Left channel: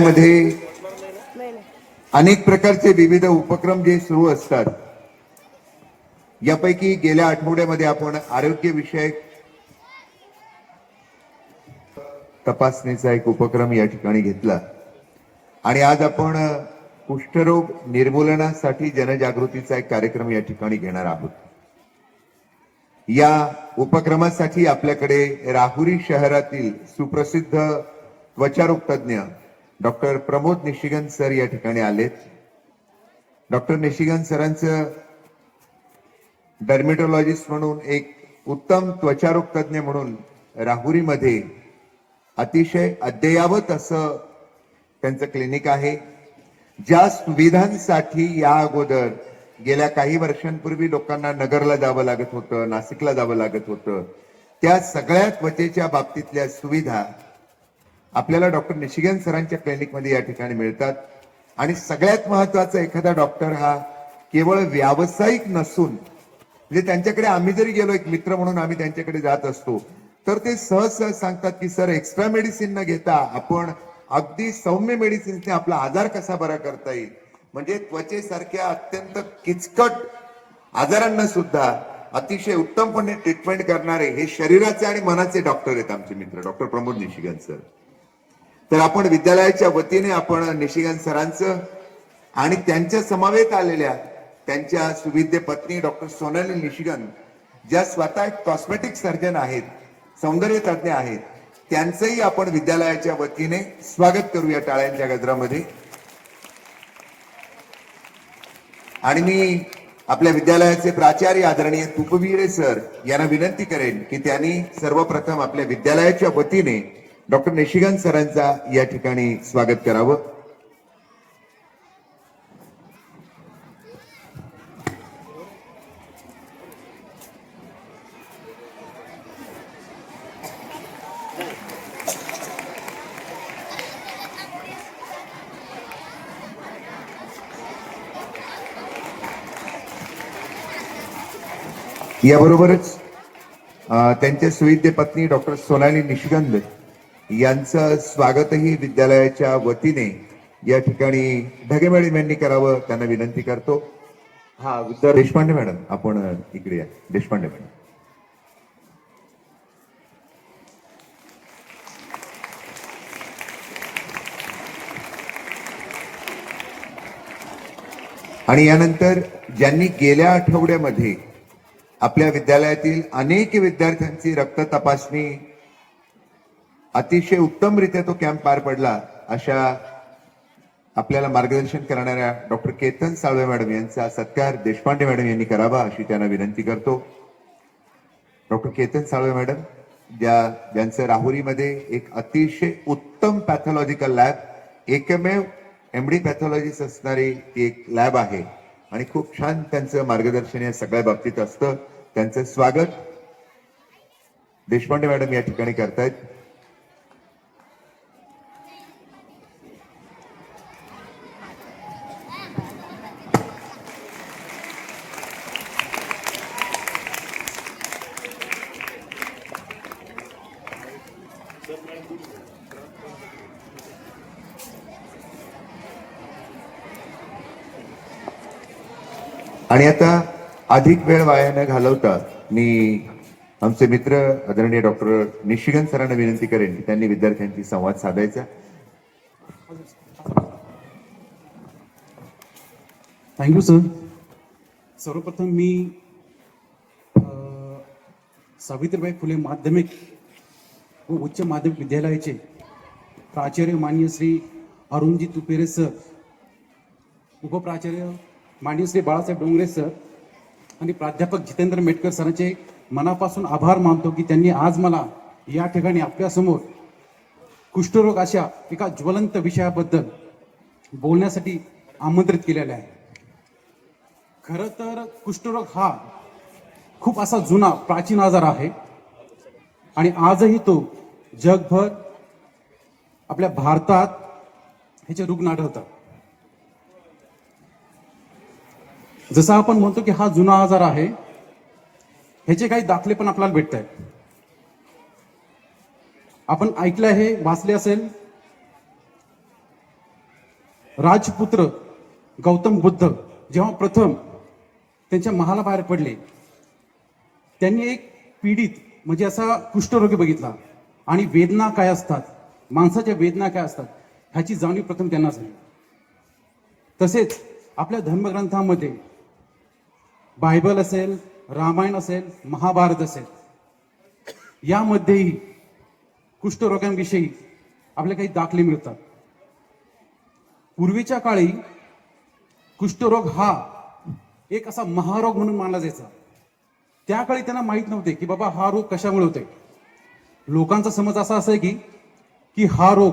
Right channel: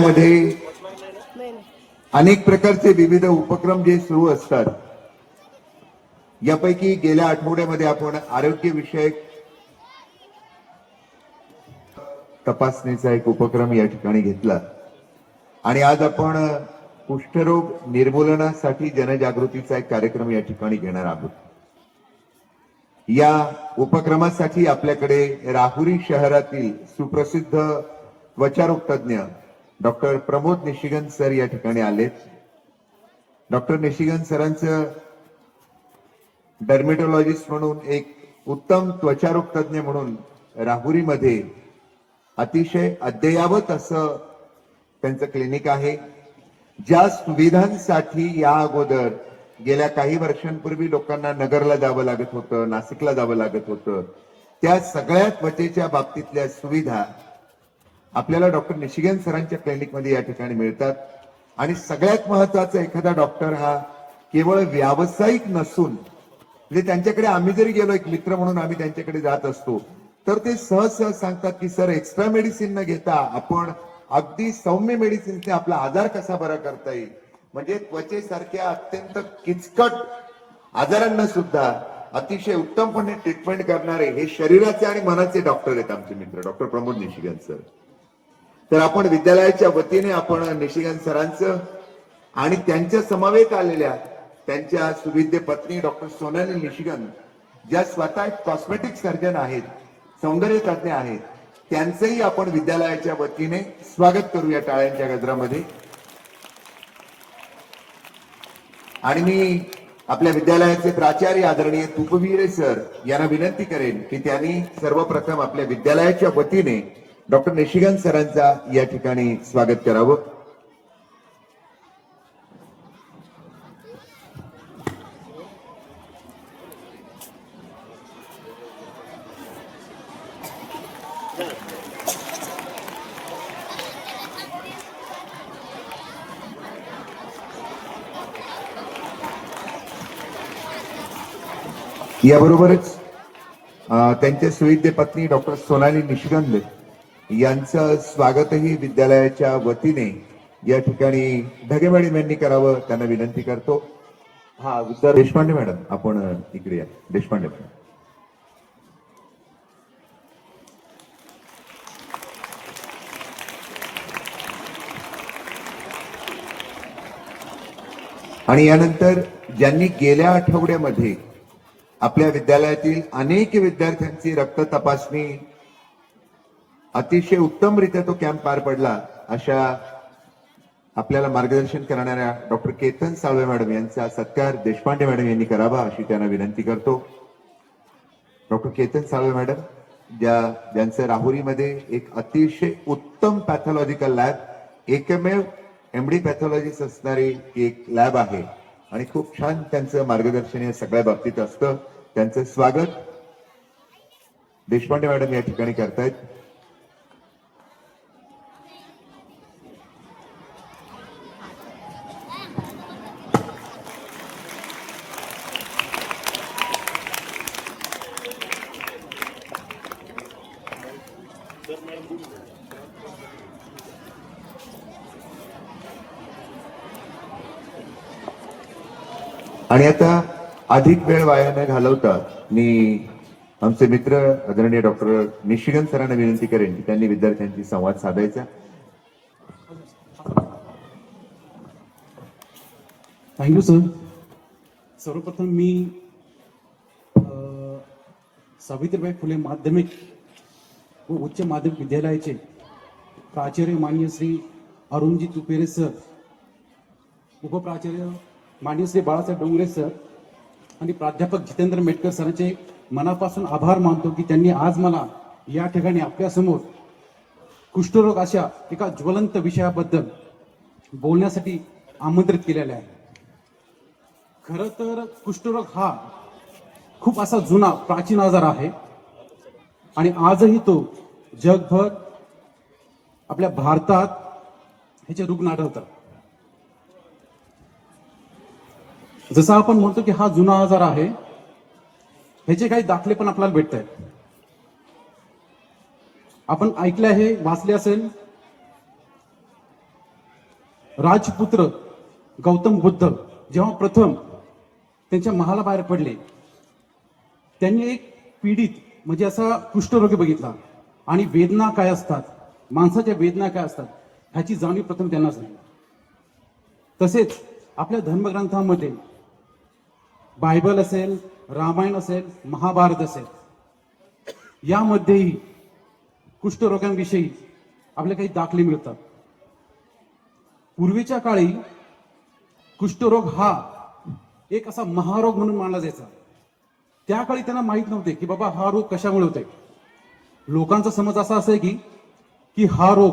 मध्ये अनेक प्रकारचे विविध उपक्रम जे सुरू असतात, यापैकी गेल्या आठवड्यामध्ये आपण आरोग्यविषयक तपासणीचा एक उपक्रम या ठिकाणी घेतला आणि आज आपण कुष्ठरोग निर्मूलनासाठी जनजागृतीचा एक कार्यक्रम या ठिकाणी घेणार आहोत। या उपक्रमासाठी आपल्याकडे राहुरी शहरातील सुप्रसिद्ध त्वचारोग तज्ञ डॉक्टर प्रमोद निशिगन सर या ठिकाणी आलेत। डॉक्टर निशिगन सरांचं डर्मेटोलॉजिस्ट म्हणून एक उत्तम त्वचारोग तज्ञ म्हणून राहुरीमध्ये अतिशय अद्ययावत असं त्यांचं क्लिनिक आहे। ज्या सुविधांसाठी या अगोदर गेल्या काही वर्षांपूर्वी लोकांना नगरला जावं लागत होतं, नाशिकला जावं लागत होतं, त्या सगळ्या त्वचेच्या बाबतीतल्या सुविधा आपल्याला डॉक्टर निशिगन सरांच्या क्लिनिकमध्ये या ठिकाणी मिळतात। आणि सगळ्यात महत्वाचं, एखादा डॉक्टर हा केवळ व्यावसायिक नसून, म्हणजे त्यांच्याकडे आम्ही जरी गेलो, एक मित्र म्हणून आम्ही त्यांच्याकडे जात असतो, तर ते सहज सांगतात की सर, एक्स्ट्रा मेडिसिन न घेता आपण अगदी सौम्य मेडिसिनने आपला आजार कसा बरा करता येईल, म्हणजे त्वचेसारख्या अत्यंत किचकट आजारांना सुद्धा अतिशय उत्तमपणे ट्रीटमेंट करणारे हे शरीराचे आणि मनाचे डॉक्टर आहेत आमचे मित्र डॉक्टर प्रमोद निशिगन सर। तर आपण विद्यालयाच्या वतीने आपण निशिगन सरांचं आणि त्यांच्या समवेत आलेल्या त्यांच्या सुविद्य पत्नी डॉक्टर सोनाली निशिगन, ज्या स्वतः एक कॉस्मेटिक सर्जन आहेत, सौंदर्य तज्ञ आहेत, त्यांचंही आपण विद्यालयाच्या वतीने स्वागत करूया टाळ्यांच्या गजरामध्ये। आणि मी आपल्या विद्यालयाचे प्राचार्य आदरणीय तुपवीरे सर यांना विनंती करेन की त्यांनी सर्वप्रथम आपल्या विद्यालयाच्या वतीने डॉक्टर निशिगन सरांचा या ठिकाणी स्वागत करावं। याबरोबरच त्यांचे सुविद्य पत्नी डॉक्टर सोनाली निशिगन यांचं स्वागतही विद्यालयाच्या वतीने या ठिकाणी ढगे मॅडम यांनी करावं, त्यांना विनंती करतो। हा विद्या देशपांडे मॅडम, आपण इकडे या। देशपांडे मॅडम, आणि यानंतर ज्यांनी गेल्या आठवड्यामध्ये आपल्या विद्यालयातील अनेक विद्यार्थ्यांची रक्त तपासणी अतिशय उत्तमरित्या तो कॅम्प पार पडला, अशा आपल्याला मार्गदर्शन करणाऱ्या डॉक्टर केतन साळवे मॅडम यांचा सत्कार देशपांडे मॅडम यांनी करावा अशी त्यांना विनंती करतो। डॉक्टर केतन साळवे मॅडम, ज्यांचं राहुरीमध्ये एक अतिशय उत्तम पॅथॉलॉजिकल लॅब, एकमेव एमडी पॅथॉलॉजिस्ट असणारी एक लॅब आहे आणि खूप छान त्यांचं मार्गदर्शन या सगळ्या बाबतीत असतं। त्यांचं स्वागत देशपांडे मॅडम या ठिकाणी करतायत। आणि आता अधिक वेळ वाया न घालवता मी आमचे मित्र आदरणीय डॉक्टर निशिगन सरांना विनंती करेन की त्यांनी विद्यार्थ्यांशी संवाद साधायचा। Thank you sir. सर्वप्रथम मी सावित्रीबाई फुले माध्यमिक व उच्च माध्यमिक विद्यालयाचे प्राचार्य माननीय श्री अरुणजी तुपेरे सर, उपप्राचार्य माननीय श्री बाळासाहेब डोंगरे सर आणि प्राध्यापक जितेंद्र मेटकर सरांचे मनापासून आभार मानतो की त्यांनी आज मला या ठिकाणी आपल्यासमोर कुष्ठरोग अशा एका ज्वलंत विषयाबद्दल बोलण्यासाठी आमंत्रित केलेलं आहे। खरं तर कुष्ठरोग हा खूप असा जुना प्राचीन आजार आहे आणि आजही तो जगभर, आपल्या भारतात ह्याचे रुग्ण आढळतात। जसं आपण म्हणतो की हा जुना आजार आहे, ह्याचे काही दाखले पण आपल्याला भेटत आहेत। आपण ऐकलं आहे, वाचले असेल राजपुत्र गौतम बुद्ध जेव्हा प्रथम त्यांच्या महालाबाहेर पडले, त्यांनी एक पीडित म्हणजे असा कुष्ठरोगी बघितला आणि वेदना काय असतात, माणसाच्या वेदना काय असतात ह्याची जाणीव प्रथम त्यांना झाली. तसेच आपल्या धर्मग्रंथामध्ये बायबल असेल, रामायण असेल, महाभारत असेल, यामध्येही कुष्ठरोगांविषयी आपले काही दाखले मिळतात. पूर्वीच्या काळी कुष्ठरोग हा एक असा महारोग म्हणून मानला जायचा. त्या काळी त्यांना माहित नव्हते की बाबा हा रोग कशामुळे होतोय. लोकांचा समज असा असे की हा रोग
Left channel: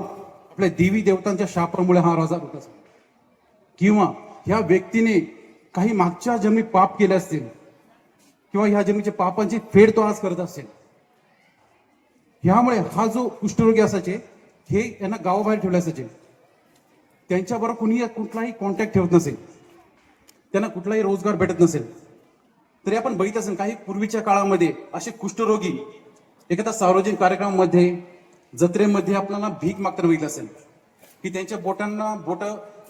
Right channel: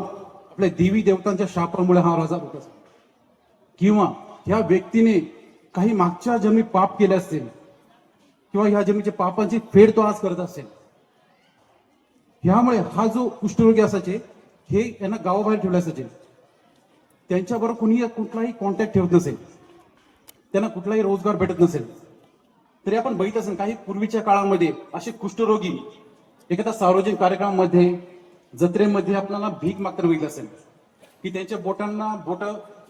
आपल्या देवी देवतांच्या शापामुळे हा आजार होत असेल, किंवा ह्या व्यक्तीने काही मागच्या जन्मी पाप केले असतील, किंवा ह्या जन्मीच्या पापांची फेड तो आज करत असेल. ह्यामुळे हा जो कुष्ठरोगी असायचे हे यांना गावाबाहेर ठेवले असायचे. त्यांच्याबरोबर कुणी कुठलाही कॉन्टॅक्ट ठेवत नसेल, त्यांना कुठलाही रोजगार भेटत नसेल. तरी आपण बघित असेल काही पूर्वीच्या काळामध्ये असे कुष्ठरोगी एखाद्या सार्वजनिक कार्यक्रमामध्ये, जत्रेमध्ये आपल्याला भीक मागताना बघितलं असेल की त्यांच्या बोट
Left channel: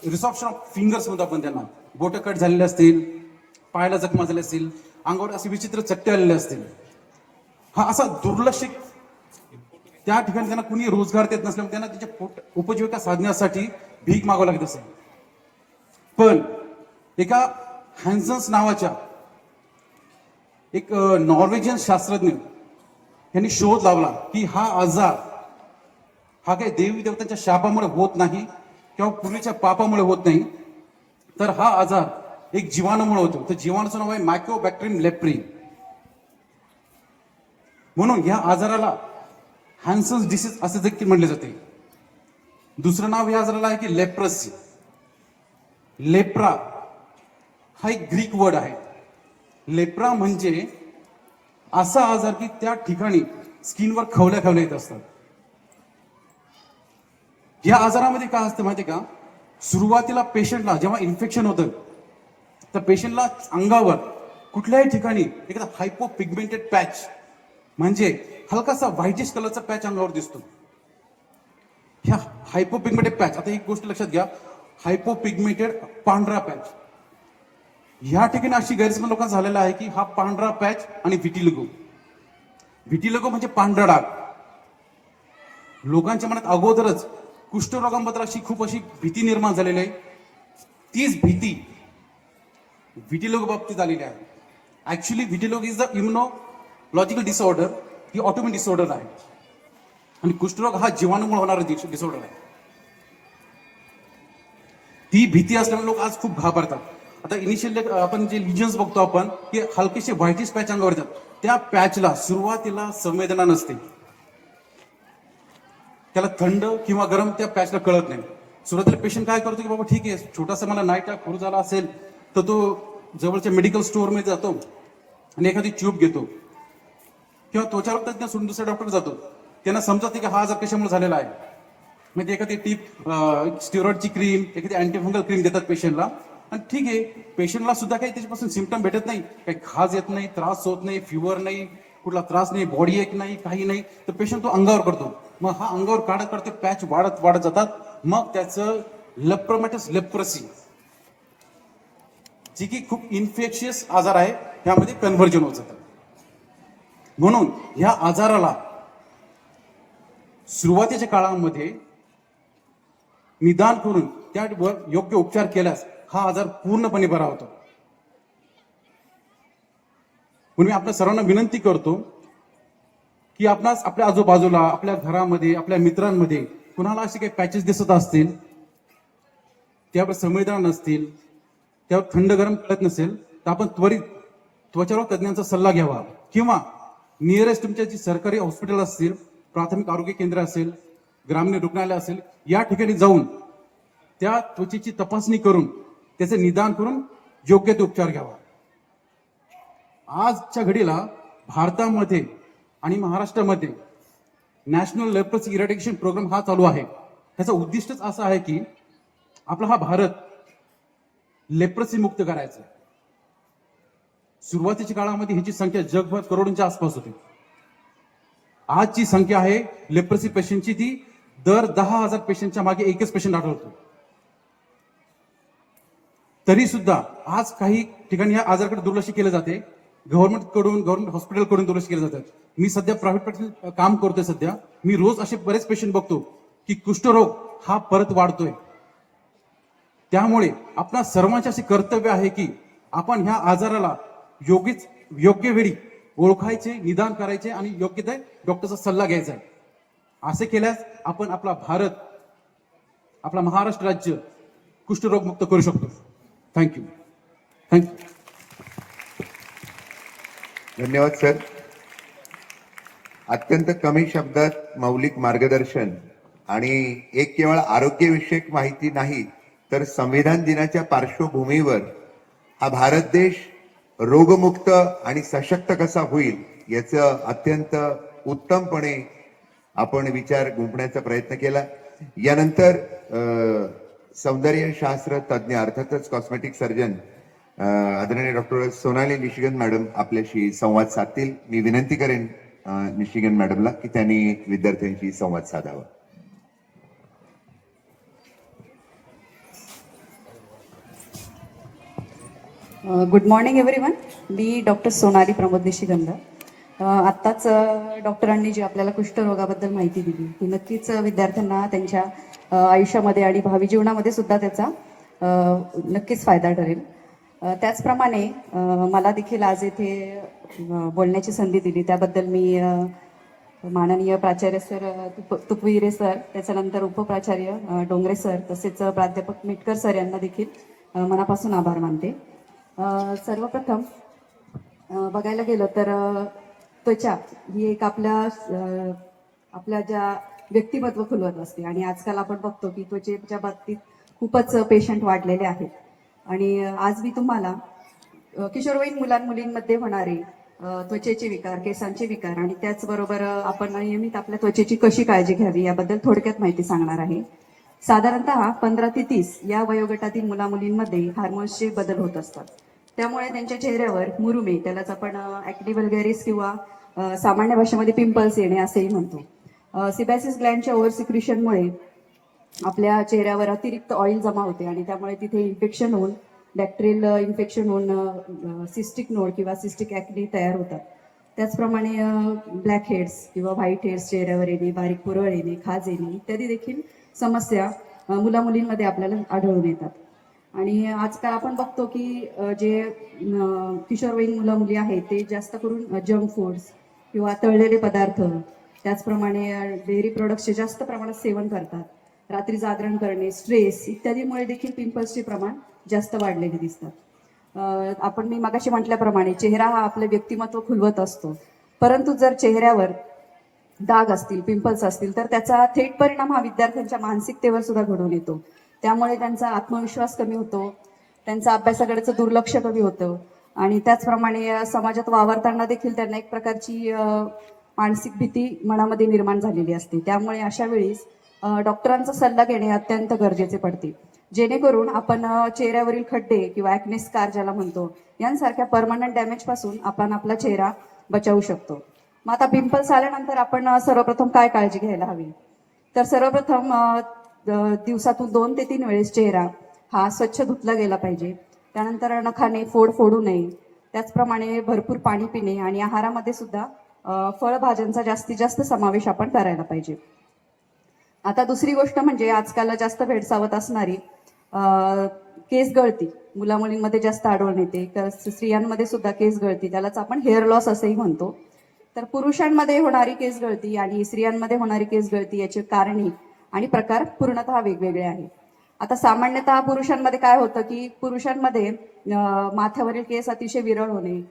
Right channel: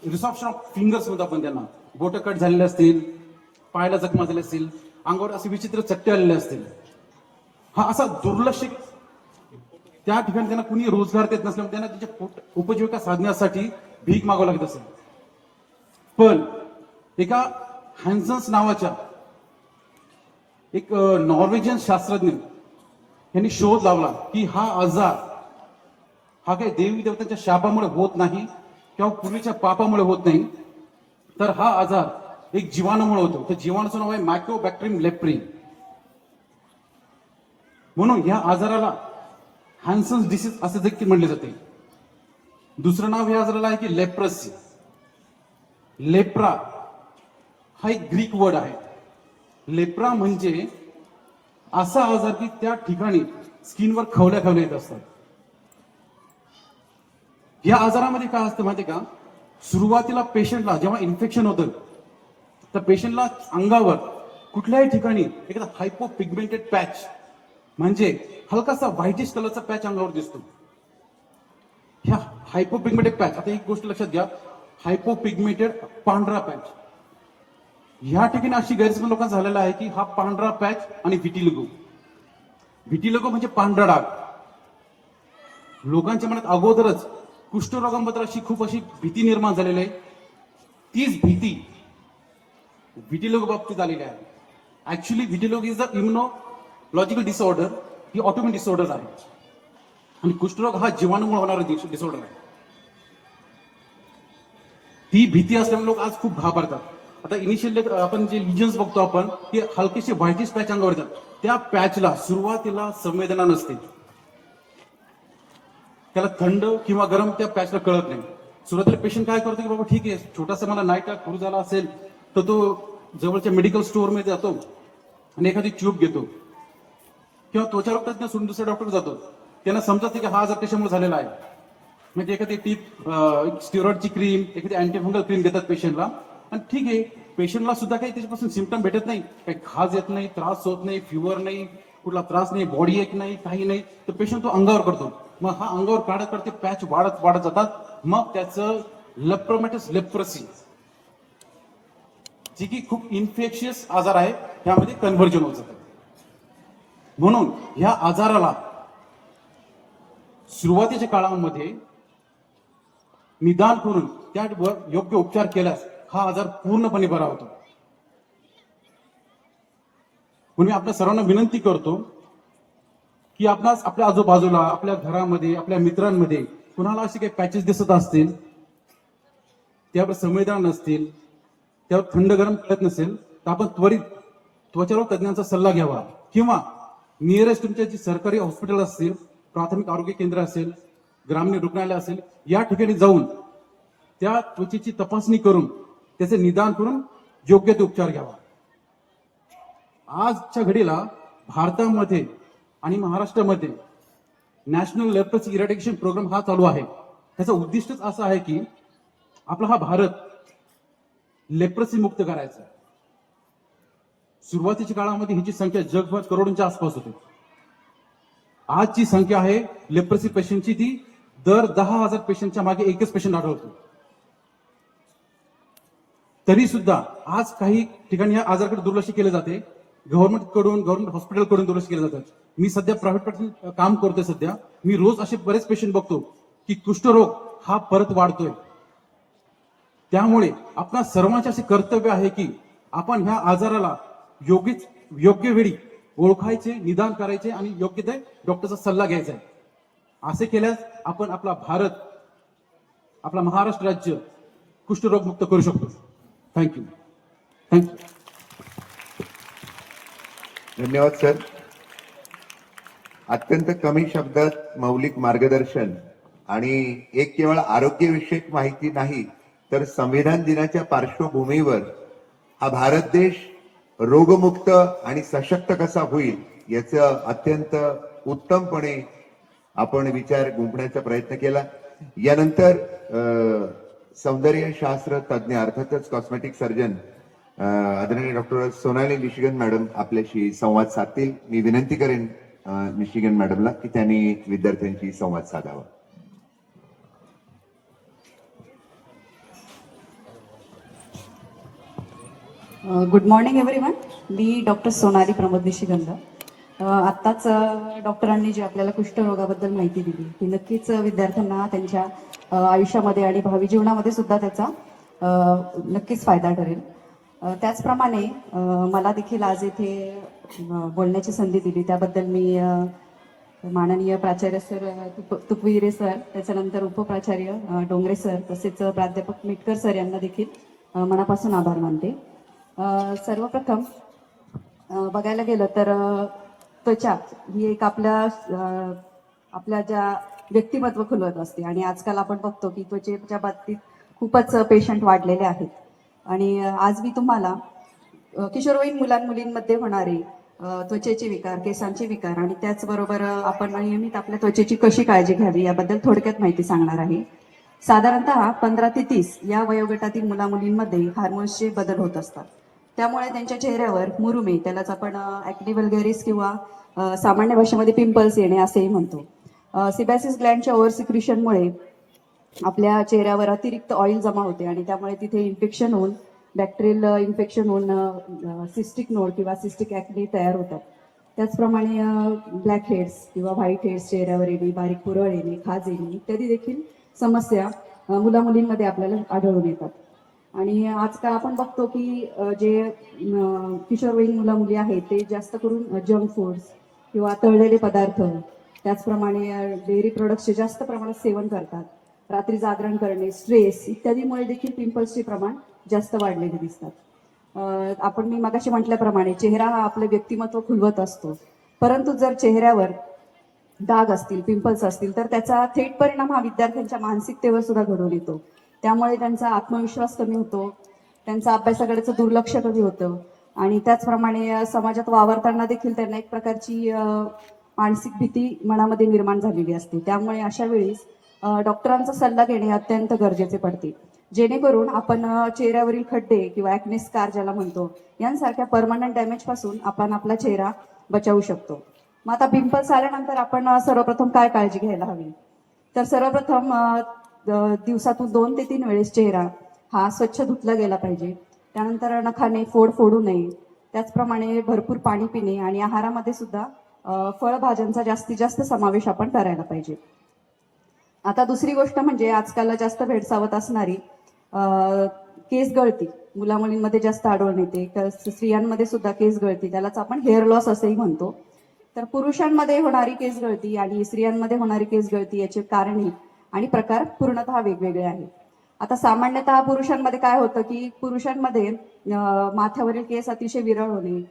रिसॉप्शन ऑफ फिंगर्स म्हणतो आपण त्यांना, बोट कट झालेले असतील, पायाला जखमा झाले असतील, अंगावर असे विचित्र चट्टे आलेले असतील. हा असा दुर्लक्ष, त्या ठिकाणी त्यांना कुणी रोजगार देत नसल्यामुळे त्यांना त्याच्या उपजीविका साधण्यासाठी भीक मागावं लागत असेल. पण एका हॅन्सन्स नावाच्या एक नॉर्वेजियन शास्त्रज्ञ यांनी शोध लावला की हा आजार हा काही देवी देवतांच्या शापामुळे होत नाही किंवा पूर्वीच्या पापामुळे होत नाही, तर हा आजार एक जीवाणूमुळे होतो. तर जीवाणूचं नाव आहे मायक्रोबॅक्टेरियम लेप्री. म्हणून या आजाराला हॅन्सन्स डिसीज असे देखील म्हणले जाते. दुसरं नाव या आजाराला आहे की लेप्रसी. लेप्रा हा एक ग्रीक वर्ड आहे. लेप्रा म्हणजे असा आजार की त्या ठिकाणी स्किनवर खवल्या येत असतात. या आजारामध्ये काय असतं माहिती का, सुरुवातीला पेशंटला जेव्हा इन्फेक्शन होतं तर पेशंटला अंगावर कुठल्याही ठिकाणी एखादा हायपोपिगमेंटेड पॅच म्हणजे हलकासा व्हाईटिश कलरचा पॅच अंगावर दिसतो. ह्या हायपोपिगमेंटेड पॅच, आता एक गोष्ट लक्षात घ्या, हायपोपिगमेंटेड पांढरा पॅच. ह्या ठिकाणी अशी गैरसमज लोकांना झालेला आहे की हा पांढरा पॅच आणि व्हिटिलिगो. व्हिटिलिगो म्हणजे पांढरा डाग. लोकांच्या मनात अगोदरच कुष्ठरोगांबद्दल खूप अशी भीती निर्माण झालेली आहे. तीच भीती व्हिटिलिगो बाबतीत आलेली आहे. Actually vitiligo is the immunological disorder, ही ऑटोमिन डिसऑर्डर आहे, आणि कुष्ठरोग हा जीवाणूमुळे होणारा डिसऑर्डर आहे. ती भीती असल्यामुळे लोक आज खूप घाबरतात. आता इनिशियली आपण जे लिजन्स बघतो आपण की हलकेसे व्हाईटिश पॅच अंगावर येतात, त्या पॅचला सुरुवातीला संवेदना नसते, त्याला थंड किंवा गरम त्या पॅचला कळत नाही. सुरुवातीला पेशंट काय करतो की बाबा ठीक आहे, छोटासा मला नाईट अटॅक सुरू झाला असेल तर तो जवळच्या मेडिकल स्टोअर मध्ये जातो आणि एखादी ट्यूब घेतो, किंवा त्वचा तज्ञ सोडून दुसऱ्या डॉक्टर जातो. त्यांना समजते की हा आजार कशामुळे झालेला आहे. म्हणजे एखादी टीप स्टिरॉइडची क्रीम, एखादी अँटीफंगल क्रीम देतात पेशंटला, आणि ठीक आहे, पेशंटला सुद्धा काही त्याच्यापासून सिम्पटम भेटत नाही, काही खाज येत नाही, त्रास होत नाही, फिवर नाही, कुठला त्रास नाही, बॉडी एक नाही, काही नाही, तर पेशंट तो अंगावर करतो. मग हा अंगावर काढत काढते पॅच वाढत जातात. मग त्याचं लेप्रोमॅटिस लेप्रसी, जी की खूप इन्फेक्शियस आजार आहे, त्यामध्ये कन्व्हर्जन होत जातं. म्हणून ह्या आजाराला सुरुवातीच्या काळामध्ये निदान करून त्यावर योग्य उपचार केल्यास हा आजार पूर्णपणे बरा होतो. म्हणून मी आपल्या सर्वांना विनंती करतो की आपणास आपल्या आजूबाजूला, आपल्या घरामध्ये, आपल्या मित्रांमध्ये कुणाला असे काही पॅचेस दिसत असतील, त्यावर संवेदना नसतील, त्यावर थंड गरम कळत नसेल, तर आपण त्वरित त्वचारोग तज्ञांचा सल्ला घ्यावा, किंवा नियरेस्ट तुमच्या जी सरकारी हॉस्पिटल असतील, प्राथमिक आरोग्य केंद्र असेल, ग्रामीण रुग्णालय असेल, या ठिकाणी जाऊन त्या त्वचेची तपासणी करून त्याचे निदान करून योग्य ते उपचार घ्यावा. आजच्या घडीला भारतामध्ये आणि महाराष्ट्रामध्ये नॅशनल लेप्रोसी इरॅडिकेशन प्रोग्राम हा चालू आहे. त्याचं उद्दिष्टच असं आहे की आपला हा भारत लेप्रोसी मुक्त करायचा. सुरुवातीच्या काळामध्ये ह्याची संख्या जगभर करोडोंच्या आसपास होती. आजची संख्या आहे लेप्रोसी पेशंटची ती दर 10,000 पेशंटच्या मागे एकच पेशंट आढळतो. तरी सुद्धा आज काही ठिकाणी या आजाराकडे दुर्लक्ष केलं जाते. गव्हर्नमेंट हॉस्पिटलकडून दुर्लक्ष केलं जातं. मी सध्या प्रायव्हेट काम करतोय. सध्या मी रोज असे बरेच पेशंट बघतो की कुष्ठरोग हा परत वाढतोय. त्यामुळे आपणा सर्वांचे असे कर्तव्य आहे की आपण ह्या आजाराला योग्य वेळी ओळखायचे, निदान करायचे आणि योग्य ते डॉक्टरचा सल्ला घ्यायचा आहे. असे केल्यास आपण आपला भारत, आपला महाराष्ट्र राज्य कुष्ठरोग मुक्त करू शकतो. थँक्यू. धन्यवाद सर. अत्यंत कमी शब्दात मौलिक मार्गदर्शन आणि एक केवळ आरोग्यविषयक माहिती नाही तर संविधान दिनाच्या पार्श्वभूमीवर हा भारत देश रोगमुक्त आणि सशक्त कसा होईल याचं अत्यंत उत्तमपणे आपण विचार गुंफण्याचा प्रयत्न केला. यानंतर सौंदर्यशास्त्र तज्ज्ञ अर्थातच कॉस्मेटिक सर्जन आदरणीय डॉक्टर सोनाली निशिगन मॅडम आपल्याशी संवाद साधतील. मी विनंती करेन निशिगन मॅडमला की त्यांनी विद्यार्थ्यांशी संवाद साधावा. Good morning everyone. मी डॉक्टर सोनाली प्रमोद निशिगंध. आत्ताच डॉक्टरांनी जी आपल्याला कुष्ठरोगाबद्दल माहिती दिली ती नक्कीच विद्यार्थ्यांना त्यांच्या आयुष्यामध्ये आणि भावी जीवनामध्ये सुद्धा त्याचा नक्कीच फायदा ठरेल. त्याचप्रमाणे मला देखील आज येथे बोलण्याची संधी दिली त्याबद्दल मी माननीय प्राचार्य सर तुकविरे सर, त्याच्यानंतर उपप्राचार्य डोंगरे सर, तसेच प्राध्यापक मिटकर सर यांना देखील मनापासून आभार मानते. सर्वप्रथम बघायला गेलं तर त्वचा ही एक आपल्या ज्या व्यक्तिमत्व खुलवत असते आणि आजकाल आपण बघतो की त्वचेच्या बाबतीत खूपच पेशंट वाढलेले आहेत. आणि आज मी तुम्हाला किशोरवयीन मुलांमुलींमध्ये होणारे त्वचेचे विकार, केसांचे विकार आणि त्याचबरोबर आपण नियमित आपल्या त्वचेची कशी काळजी घ्यावी याबद्दल थोडक्यात माहिती सांगणार आहे. साधारणतः 15 ते 30 या वयोगटातील मुलामुलींमध्ये हार्मोन्सचे बदल होत असतात. त्यामुळे त्यांच्या चेहऱ्यावर मुरुमे, त्यालाच आपण ॲक्ने वल्गॅरिस किंवा सामान्य भाषेमध्ये पिंपल्स येणे असेही म्हणतो. सिबॅसिस ग्लँडच्या ओव्हर सिक्रिशनमुळे आपल्या चेहऱ्यावर अतिरिक्त ऑइल जमा होते आणि त्यामुळे तिथे इन्फेक्शन होऊन, बॅक्टेरियल इन्फेक्शन होऊन सिस्टिक नोड किंवा सिस्टिक ॲक्ने तयार होतात. त्याचप्रमाणे ब्लॅक हेड्स किंवा व्हाईट हेड्स चेहऱ्यावर येणे, बारीक पुरळ येणे, खाज येणे इत्यादी देखील समस्या मुलामुलींमध्ये आपल्याला आढळून येतात. आणि आजकाल आपण बघतो की जे किशोरवयीन मुलं मुली आहेत ते जास्त करून जंक फूड्स किंवा तळलेले पदार्थ, त्याचप्रमाणे डेअरी प्रोडक्ट्सचे जास्त प्रमाणात सेवन करतात. रात्री जागरण करणे, स्ट्रेस इत्यादीमुळे देखील पिंपल्सचे प्रमाण जास्त वाढलेले दिसतात. मी मगाशी म्हटल्याप्रमाणे चेहरा हा आपलं व्यक्तिमत्व खुलवत असतो, परंतु जर चेहऱ्यावर डाग असतील, पिंपल्स असतील तर त्याचा थेट परिणाम हा विद्यार्थ्यांच्या मानसिकतेवर सुद्धा घडून येतो. त्यामुळे त्यांचा आत्मविश्वास कमी होतो, त्यांचा अभ्यासाकडेचं दुर्लक्ष कमी होतं आणि त्याचप्रमाणे समाजात वावरताना देखील त्यांना एक प्रकारची मानसिक भीती मनामध्ये निर्माण झालेली असते. त्यामुळे अशा वेळेस डॉक्टरांचा सल्ला घेणे अत्यंत गरजेचे पडते, जेणेकरून आपण चेहऱ्यावरील खड्डे किंवा ॲक्ने स्कार ज्याला म्हणतो यांसारख्या परमनंट डॅमेज पासून आपण आपला चेहरा बचावू शकतो. मग आता पिंपल्स आल्यानंतर आपण सर्वप्रथम काय काळजी घ्यायला हवी, तर सर्वप्रथम दिवसातून 2 ते 3 वेळेस चेहरा हा स्वच्छ धुतला गेला पाहिजे. त्यानंतर नखाने फोडू नये. त्याचप्रमाणे भरपूर पाणी पिणे आणि आहारामध्ये सुद्धा फळभाज्यांचा जास्तीत जास्त समावेश आपण करायला पाहिजे. आता दुसरी गोष्ट म्हणजे आजकाल जास्त भेडसावत असणारी केस गळती मुलामुलींमध्ये जास्त आढळून येते. तर स्त्रियांमध्ये सुद्धा केस गळती, त्यालाच आपण हेअर लॉस असेही म्हणतो. तर पुरुषांमध्ये होणारी केस गळती आणि स्त्रियांमध्ये होणारी केस गळती याची कारणे आणि प्रकार पूर्णतः वेगवेगळे आहेत. आता सामान्यतः पुरुषांमध्ये काय होतं की पुरुषांमध्ये माथ्यावरील केस अतिशय विरळ होणे,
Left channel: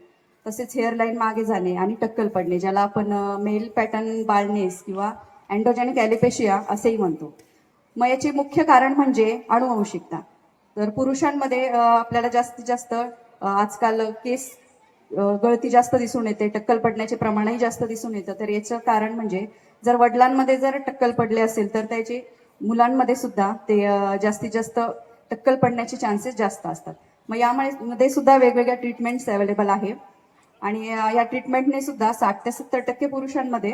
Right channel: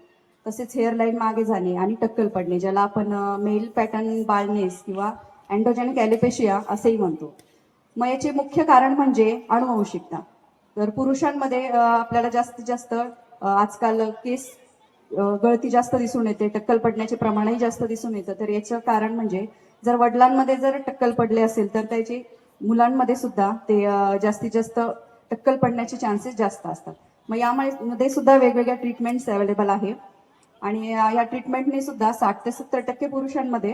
तसेच हेअरलाईन मागे जाणे आणि टक्कल पडणे, ज्याला आपण मेल पॅटर्न बाल्डनेस किंवा अँड्रोजेनिक ॲलोपेशिया असेही म्हणतो. मग याचे मुख्य कारण म्हणजे अनुवंशिकता. तर पुरुषांमध्ये आपल्याला जास्तीत जास्त आजकाल केस गळती जास्त दिसून येते, टक्कल पडण्याचे प्रमाणही जास्त दिसून येतं. तर याचं कारण म्हणजे जर वडिलांमध्ये जर टक्कल पडले असेल तर त्याचे मुलांमध्ये सुद्धा ते जास्तीत जास्त टक्कल पडण्याचे चान्सेस जास्त असतात. मग यामध्ये सुद्धा वेगवेगळ्या ट्रीटमेंट्स अवेलेबल आहे आणि या ट्रीटमेंटने सुद्धा 60 ते 70% पुरुषांमध्ये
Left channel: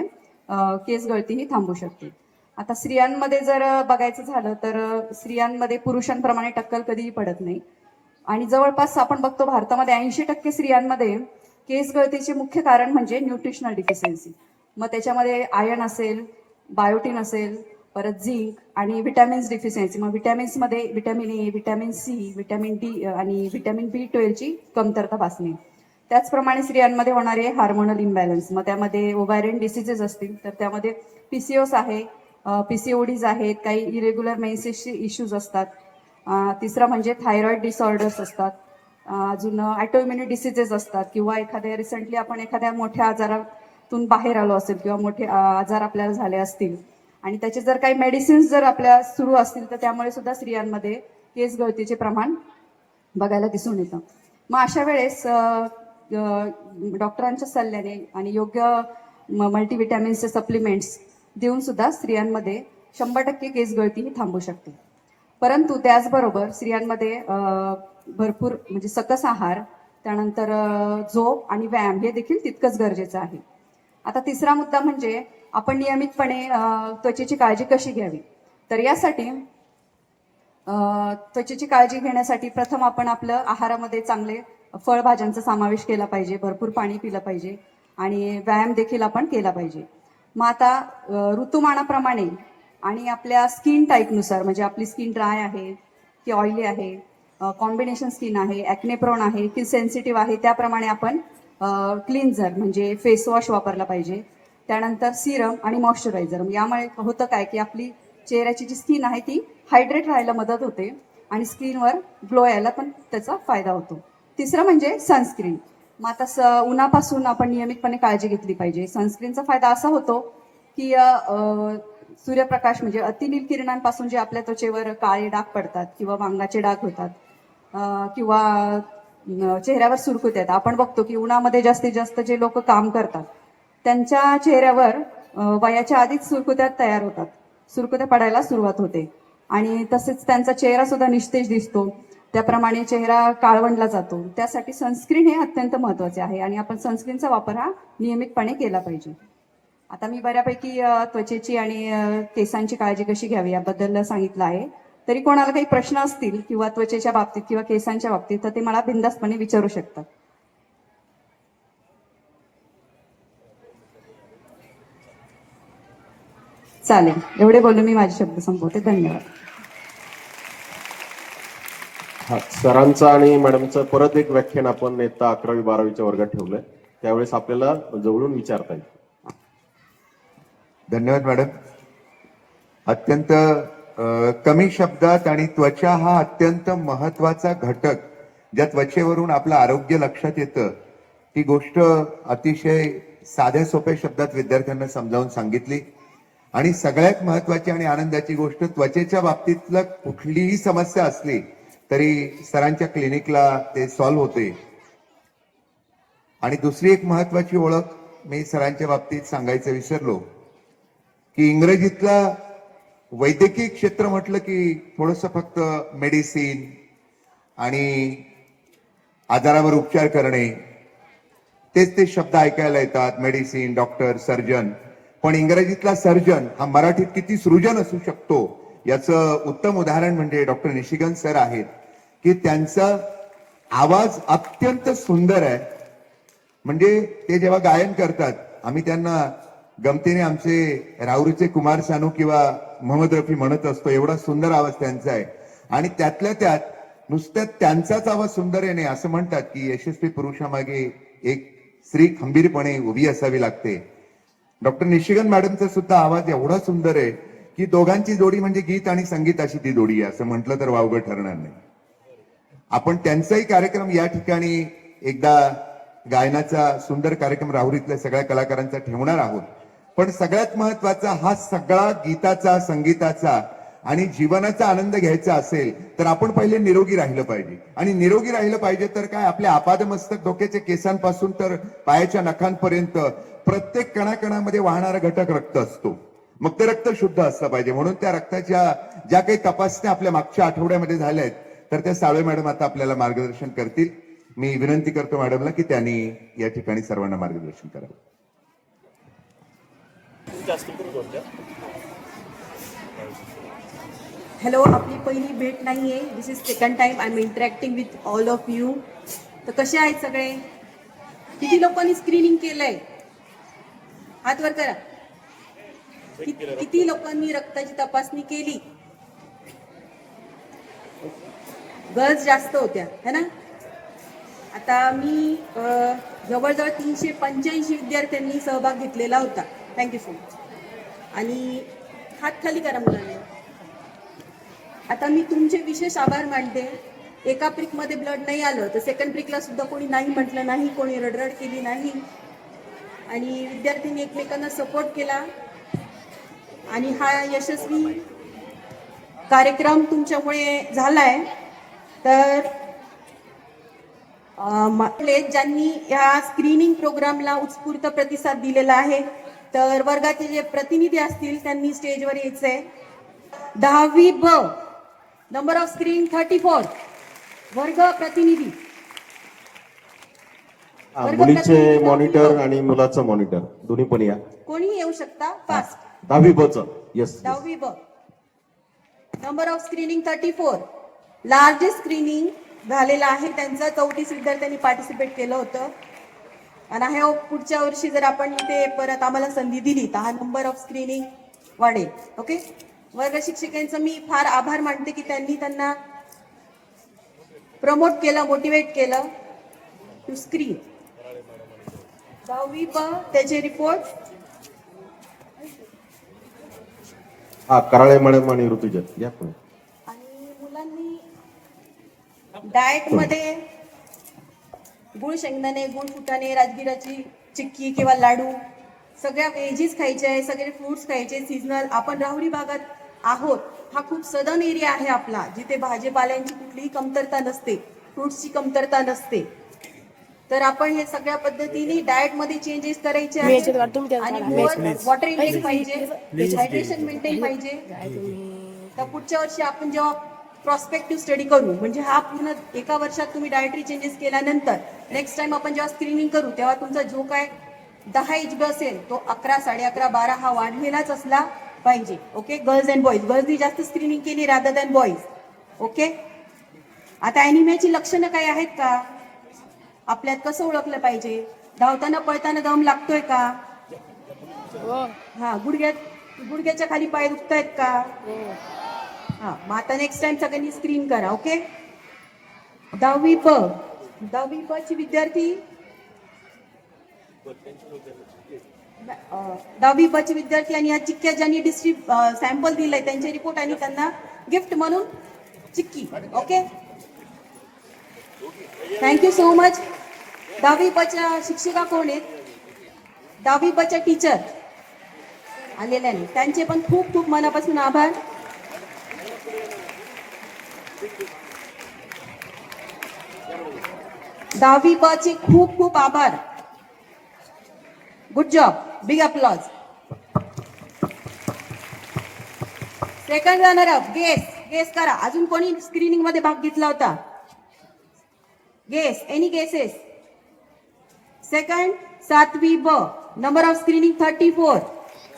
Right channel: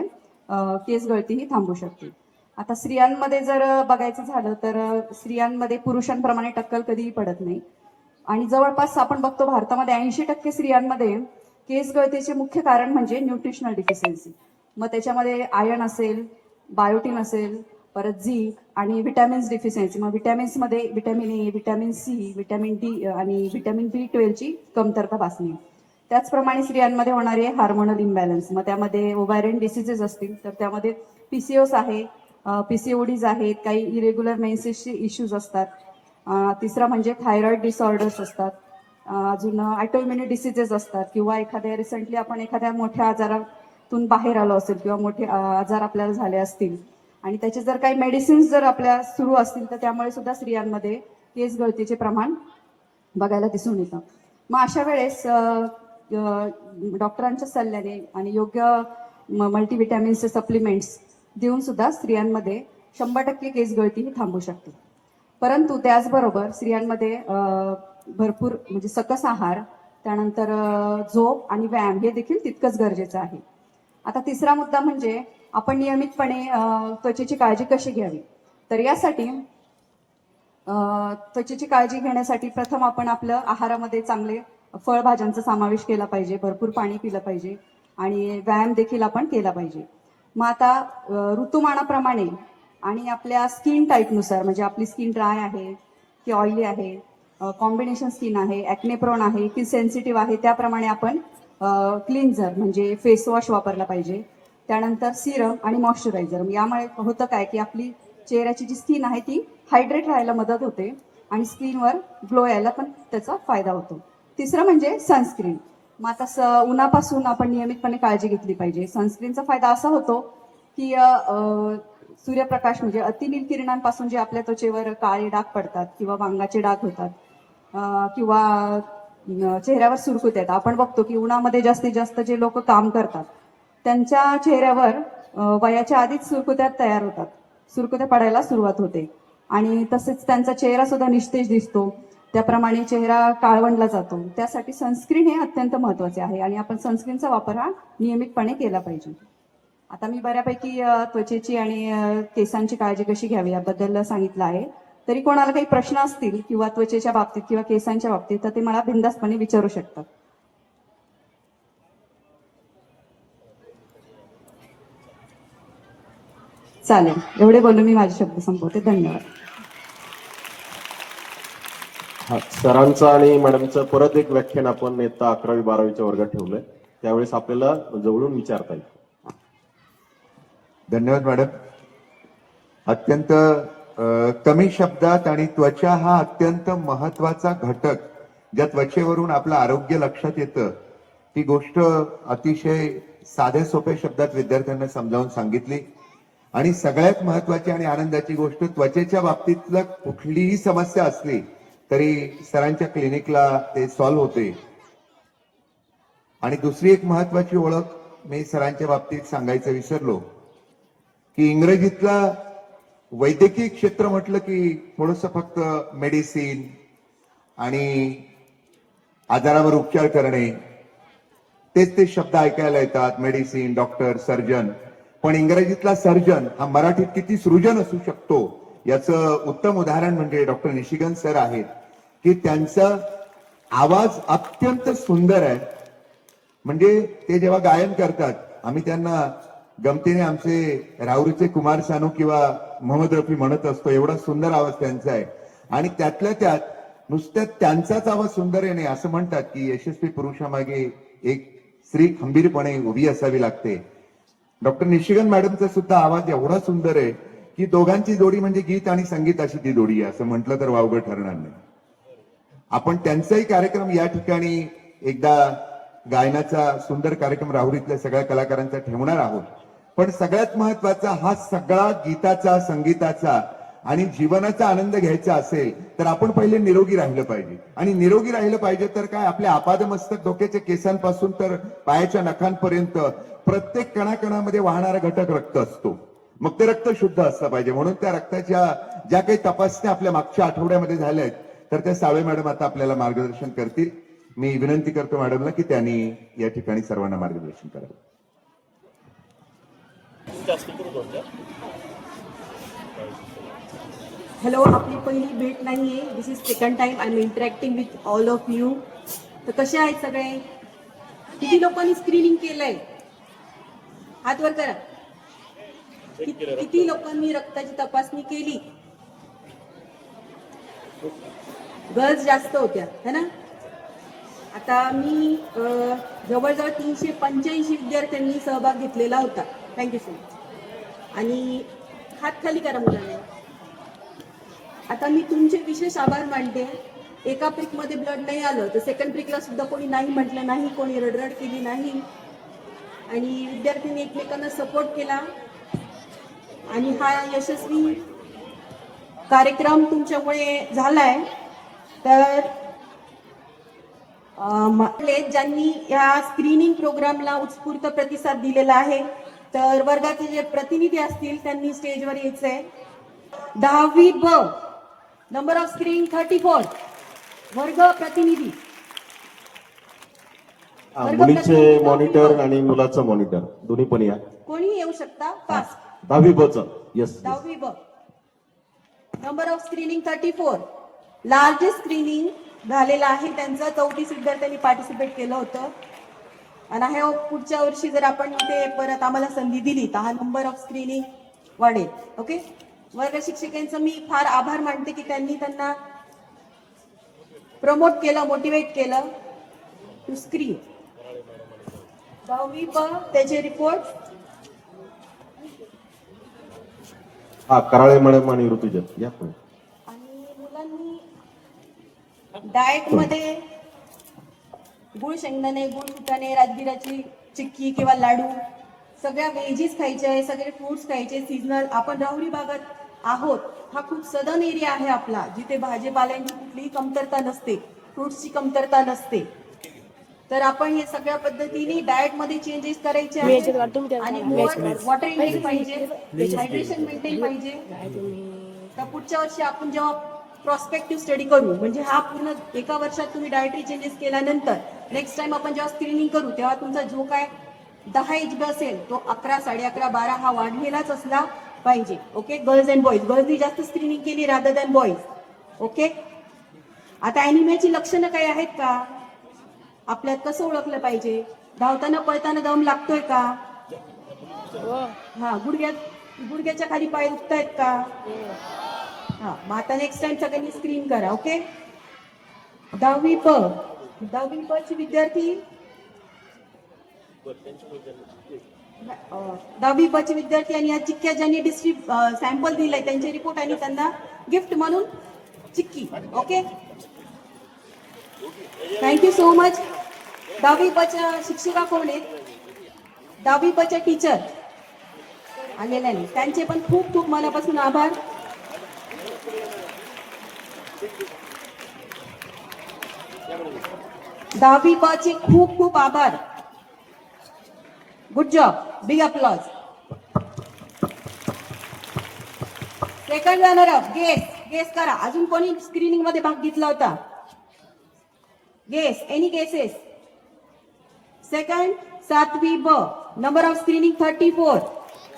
केस गळती ही थांबू शकते. आता स्त्रियांमध्ये जर बघायचं झालं तर स्त्रियांमध्ये पुरुषांप्रमाणे टक्कल कधीही पडत नाही. आणि जवळपास आपण बघतो भारतामध्ये 80% स्त्रियांमध्ये केस गळतीचे मुख्य कारण म्हणजे न्यूट्रिशनल डिफिशियन्सी. मग त्याच्यामध्ये आयर्न असेल, बायोटिन असेल, परत झिंक आणि विटॅमिन्स डिफिशियन्सी. मग विटॅमिन्समध्ये vitamin A, vitamin C, vitamin D आणि विटॅमिन B12ची कमतरता भासणे. त्याचप्रमाणे स्त्रियांमध्ये होणारे हार्मोनल इम्बॅलन्स, मग त्यामध्ये ओव्हायरियन डिसिजेस असतील तर त्यामध्ये PCOS आहे, PCODs आहेत, काही इरेग्युलर मेन्सेसचे इश्यूज असतात. तिसरं म्हणजे थायरॉइड डिसऑर्डर्स असतात. अजून ऑटोइम्युनी डिसिजेस असतात किंवा रिसेंटली आपण एखाद्या मोठ्या आजारातून बाहेर आलो असेल किंवा मोठे आजार आपल्याला झाले असतील आणि त्याचे जर काही मेडिसिन्स जर आपल्या सुरू असतील तर त्यामुळे सुद्धा स्त्रियांमध्ये केस गळतीचे प्रमाण बघायला दिसून येतं. मग अशा वेळेस डॉक्टरांच्या सल्ल्याने आणि योग्य मल्टीव्हिटॅमिन्सचे सप्लिमेंट्स देऊन सुद्धा स्त्रियांमध्ये 100% केस गळती ही थांबू शकते. परंतु त्याचबरोबर स्त्रियांमध्ये भरपूर म्हणजे सकस आहार, त्यानंतर झोप आणि व्यायाम हे देखील तितकंच गरजेचं आहे. आता तिसरा मुद्दा म्हणजे आपण नियमितपणे त्वचेची काळजी कशी घ्यावी. तर यासाठी त्वचेची काळजी घेण्यासाठी प्रथम आपण आपलं आहारामध्ये चांगले फळभाज्यांचा समावेश केला पाहिजे, भरपूर पाणी पिलं पाहिजे आणि व्यायाम देखील आपण केला पाहिजे. मग आता ऋतुमानाप्रमाणे आणि आपल्या स्किन टाईपनुसार, म्हणजे आपली स्किन ड्राय आहे की ऑइली आहे, कॉम्बिनेशन स्किन आहे, ॲक्ने प्रोन आहे की सेन्सिटिव्ह आहे, त्याप्रमाणे आपण क्लिन्झर म्हणजे फेस वॉश वापरला पाहिजे. त्यानंतर सिरम आणि मॉइश्चरायझर. यामुळे होतं काय की आपली चेहऱ्याची जी स्किन आहे ती हायड्रेट राहायला मदत होते आणि स्किनवर ग्लो यायला पण त्याचा फायदा होतो. तिसरं म्हणजे सनस्क्रीन. मग आता उन्हापासून आपण नियमितपणे काळजी घेतली पाहिजे. सनस्क्रीनचा फायदा असा होतो की सूर्यप्रकाश म्हणजे अतिनील किरणांपासून जे आपल्या त्वचेवर काळे डाग पडतात किंवा वांगाचे डाग होतात किंवा चेहऱ्यावर सुरकुत्या येतात. आपण बघतो की उन्हामध्ये जास्तीत जास्त जे लोक काम करतात त्यांच्या चेहऱ्यावर वयाच्या आधीच सुरकुत्या तयार होतात, सुरकुत्या पडायला सुरुवात होते आणि तसेच त्यांचा चेहरा सुद्धा निस्तेज दिसतो. त्याप्रमाणे चेहरा काळवंडला जातो. त्यासाठी सनस्क्रीन हे अत्यंत महत्वाचे आहे आणि आपण सनस्क्रीनचा वापर हा नियमितपणे केला पाहिजे. आता मी बऱ्यापैकी त्वचेची आणि केसांची काळजी कशी घ्यावी याबद्दल सांगितलं आहे. तरी कोणाला काही प्रश्न असतील किंवा त्वचेच्या बाबतीत किंवा केसांच्या बाबतीत तर ते मला बिनधास्तपणे विचारू शकतात. चालेल, एवढे बोलून मी माझे शब्द संपवते. धन्यवाद. हा, सरांचं आणि मॅडमचं परत एक व्याख्यान आपण इयत्ता 11वी-12वीच्या वर्गात ठेवलंय, त्यावेळेस आपल्याला जवळून विचारता येईल. धन्यवाद मॅडम. अत्यंत कमी शब्दात आणि त्वचा हा अत्यंत महत्वाचा घटक, ज्या त्वचेवरून आपलं आरोग्य लक्षात येतं, ती गोष्ट अतिशय साध्या सोप्या शब्दात विद्यार्थ्यांना समजावून सांगितली. आणि सगळ्यात महत्वाची आणि आनंदाची गोष्ट, त्वचेच्या बाबतीतलं कुठलीही समस्या असली तरी सरांच्या क्लिनिकला ते सॉल्व्ह होते. आणि दुसरी एक महत्वाची ओळख मी सरांच्या बाबतीत सांगायचं विसरलो की इंग्रजीतला वैद्यकीय क्षेत्र म्हटलं की थोडंसं फक्त मेडिसिन आणि आजारावर उपचार करणे तेच ते शब्द ऐकायला येतात, मेडिसिन, डॉक्टर, सर्जन. पण इंग्रजीतला सर्जन हा मराठीत किती सृजन असू शकतो याचं उत्तम उदाहरण म्हणजे डॉक्टर निशिगंध सर आहेत की त्यांचा आवाज अत्यंत सुंदर आहे. म्हणजे ते जेव्हा गायन करतात, आम्ही त्यांना गमतीने आमचे राहुरीचे कुमार सानू किंवा मोहम्मद रफी म्हणत असतो, एवढा सुंदर आवाज त्यांचा आहे. आणि त्यातल्या त्यात नुसतं त्यांचाच आवाज सुंदर आहे नाही, असं म्हणतात की यशस्वी पुरुषामागे एक स्त्री खंबीरपणे उभी असावी लागते. डॉक्टर निशिगंध मॅडमचा सुद्धा आवाज एवढा सुंदर आहे की दोघांची जोडी म्हणजे गीत आणि संगीत अशी ती जोडी आहे, असं म्हटलं तर वावगं ठरणार नाही. आपण त्यांचाही कार्यक्रम या ठिकाणी एकदा गायनाचा सुंदर कार्यक्रम राहुरीतल्या सगळ्या कलाकारांचा ठेवणार आहोत. पण सगळ्यात महत्वाचा हा सगळा गीताचा, संगीताचा आणि जीवनाचा आनंद घ्यायचा असेल तर आपण पहिले निरोगी राहिलं पाहिजे. आणि निरोगी राहिलं पाहिजे तर काय, आपल्या आपादमस्तक डोक्याच्या केसांपासून तर पायाच्या नखांपर्यंत प्रत्येक कणाकणामध्ये वाहणारा घटक रक्त असतो. मग ते रक्त शुद्ध असलं पाहिजे. म्हणून त्या रक्ताच्या ज्या काही तपासण्या आपल्या मागच्या आठवड्यामध्ये झाल्या आहेत तर त्या साळवे मॅडम आता आपल्याला मार्गदर्शन करतील. मी विनंती करतो मॅडमला की त्यांनी या ठिकाणी सर्वांना मार्गदर्शन करावं. हॅलो, आपली पहिली भेट नाही आहे. This is second time I am interacting with all of you. तर कसे आहेत सगळे? किती लोकांनी स्क्रीनिंग केलंय? हात वर करा. किती लोकांनी रक्ताची तपासणी केली? गर्ल्स जास्त होत्या है ना. आता मी जवळजवळ 385 विद्यार्थ्यांनी सहभाग घेतलेला होता. Thank you so much. आणि हात खाली करा मुलांना. आता मी तुमचे विशेष आभार मानते. एका प्रिकमध्ये ब्लड नाही आलं तर सेकंड प्रिकला सुद्धा कोणी नाही म्हटलं नाही, कोणी रडरड केली नाही आणि विद्यार्थ्यांनी एकमेकांना सपोर्ट केला आणि हा यशस्वी कार्यक्रम तुमच्यामुळे झालाय. तर ज्यांनी या स्क्रीनिंग प्रोग्रामला उत्स्फूर्त प्रतिसाद दिलेला आहे, तर वर्गाचे जे प्रतिनिधी असतील त्यांनी स्टेजवर यायचंय. 10वी ब नंबर ऑफ स्क्रीनिंग 34. वर्ग प्रतिनिधी मुलीचे मॉनिटर आणि मुलाचं मॉनिटर दोन्ही पण या. कोणी येऊ शकता. फास्ट. 10वी ब येस. 10वी ब number of screening 34. Largest screening झालेलं आहे त्यांचं. 34 विद्यार्थ्यांनी पार्टिसिपेट केलं होतं आणि हे पुढच्या वर्षी जर आपण ते परत आम्हाला संधी दिली तर हा नंबर ऑफ स्क्रीनिंग वाढेल. ओके. वर्ग शिक्षकांचं मी फार आभार मानते की त्यांनी त्यांना प्रमोट केलं, मोटिवेट केलं टू स्क्रीन. 10वी ब त्याचे रिपोर्ट. हा, कराळे मॅडम आणि ऋतुजा या पण. आणि मुलांनी डाएट मध्ये गुळ शेंगदाणे, गुळ फुटाणे, राजगिराची चिक्की किंवा लाडू, सगळ्या व्हेजीस खायचे, सगळे फ्रुट्स खायचे सीजनल. आपण राहुरी भागात आहोत. हा खूप सदन एरिया आहे आपला, जिथे भाजीपाल्यांची कुठलीही कमतरता नसते, फ्रुट्सची कमतरता नसते. तर आपण हे सगळ्या पद्धतीने डाएट मध्ये चेंजेस करायचे आहेत आणि वॉटर इंटेक पाहिजे, हायड्रेशन मेंटेन पाहिजे. तर पुढच्या वर्षी आपण जेव्हा प्रॉस्पेक्टिव्ह स्टडी करू, म्हणजे हा पूर्ण एका वर्षात तुम्ही डायटरी चेंजेस केल्यानंतर नेक्स्ट टाइम आपण जेव्हा स्क्रीनिंग करू तेव्हा तुमचा जो काय 10 एचबी असेल तो 11, 11.5, 12 हा वाढलेलाच असला पाहिजे. ओके. गर्ल्स अँड बॉईज, गर्ल्सनी जास्त स्क्रीनिंग केली रादर दॅन बॉईज. ओके. आता अॅनिमियाची लक्षणं काय आहेत का? आपल्यात कसं ओळखलं पाहिजे? धावताना पळताना दम लागतोय का? हा. गुडघ्याच्या खाली पाय दुखतायत का? हा. मग आता नेक्स्ट टाइम सगळ्यांनी स्क्रीन करा. ओके. 10वी ब ची विद्यार्थी 10वी ब चे विद्यार्थी आणि या चिक्क्या ज्यांनी सॅम्पल दिलाय त्यांचे रिपोर्ट आणि त्यांना गिफ्ट म्हणून chikki. Okay. Thank you so much. 10वी ब च्या शिक्षिका कोण आहेत? 10वी ब च्या टीचर आलेल्या नाही, त्यांचे पण खूप खूप मनापासून आभार. दहावी ब चे खूप खूप आभार. Good job. Big applause. Second runner up. Guess करा. अजून कोणी स्क्रीनिंग मध्ये भाग घेतला होता? गेस. Any cases? सेकंड 7वी ब नंबर ऑफ स्क्रीनिंग 34.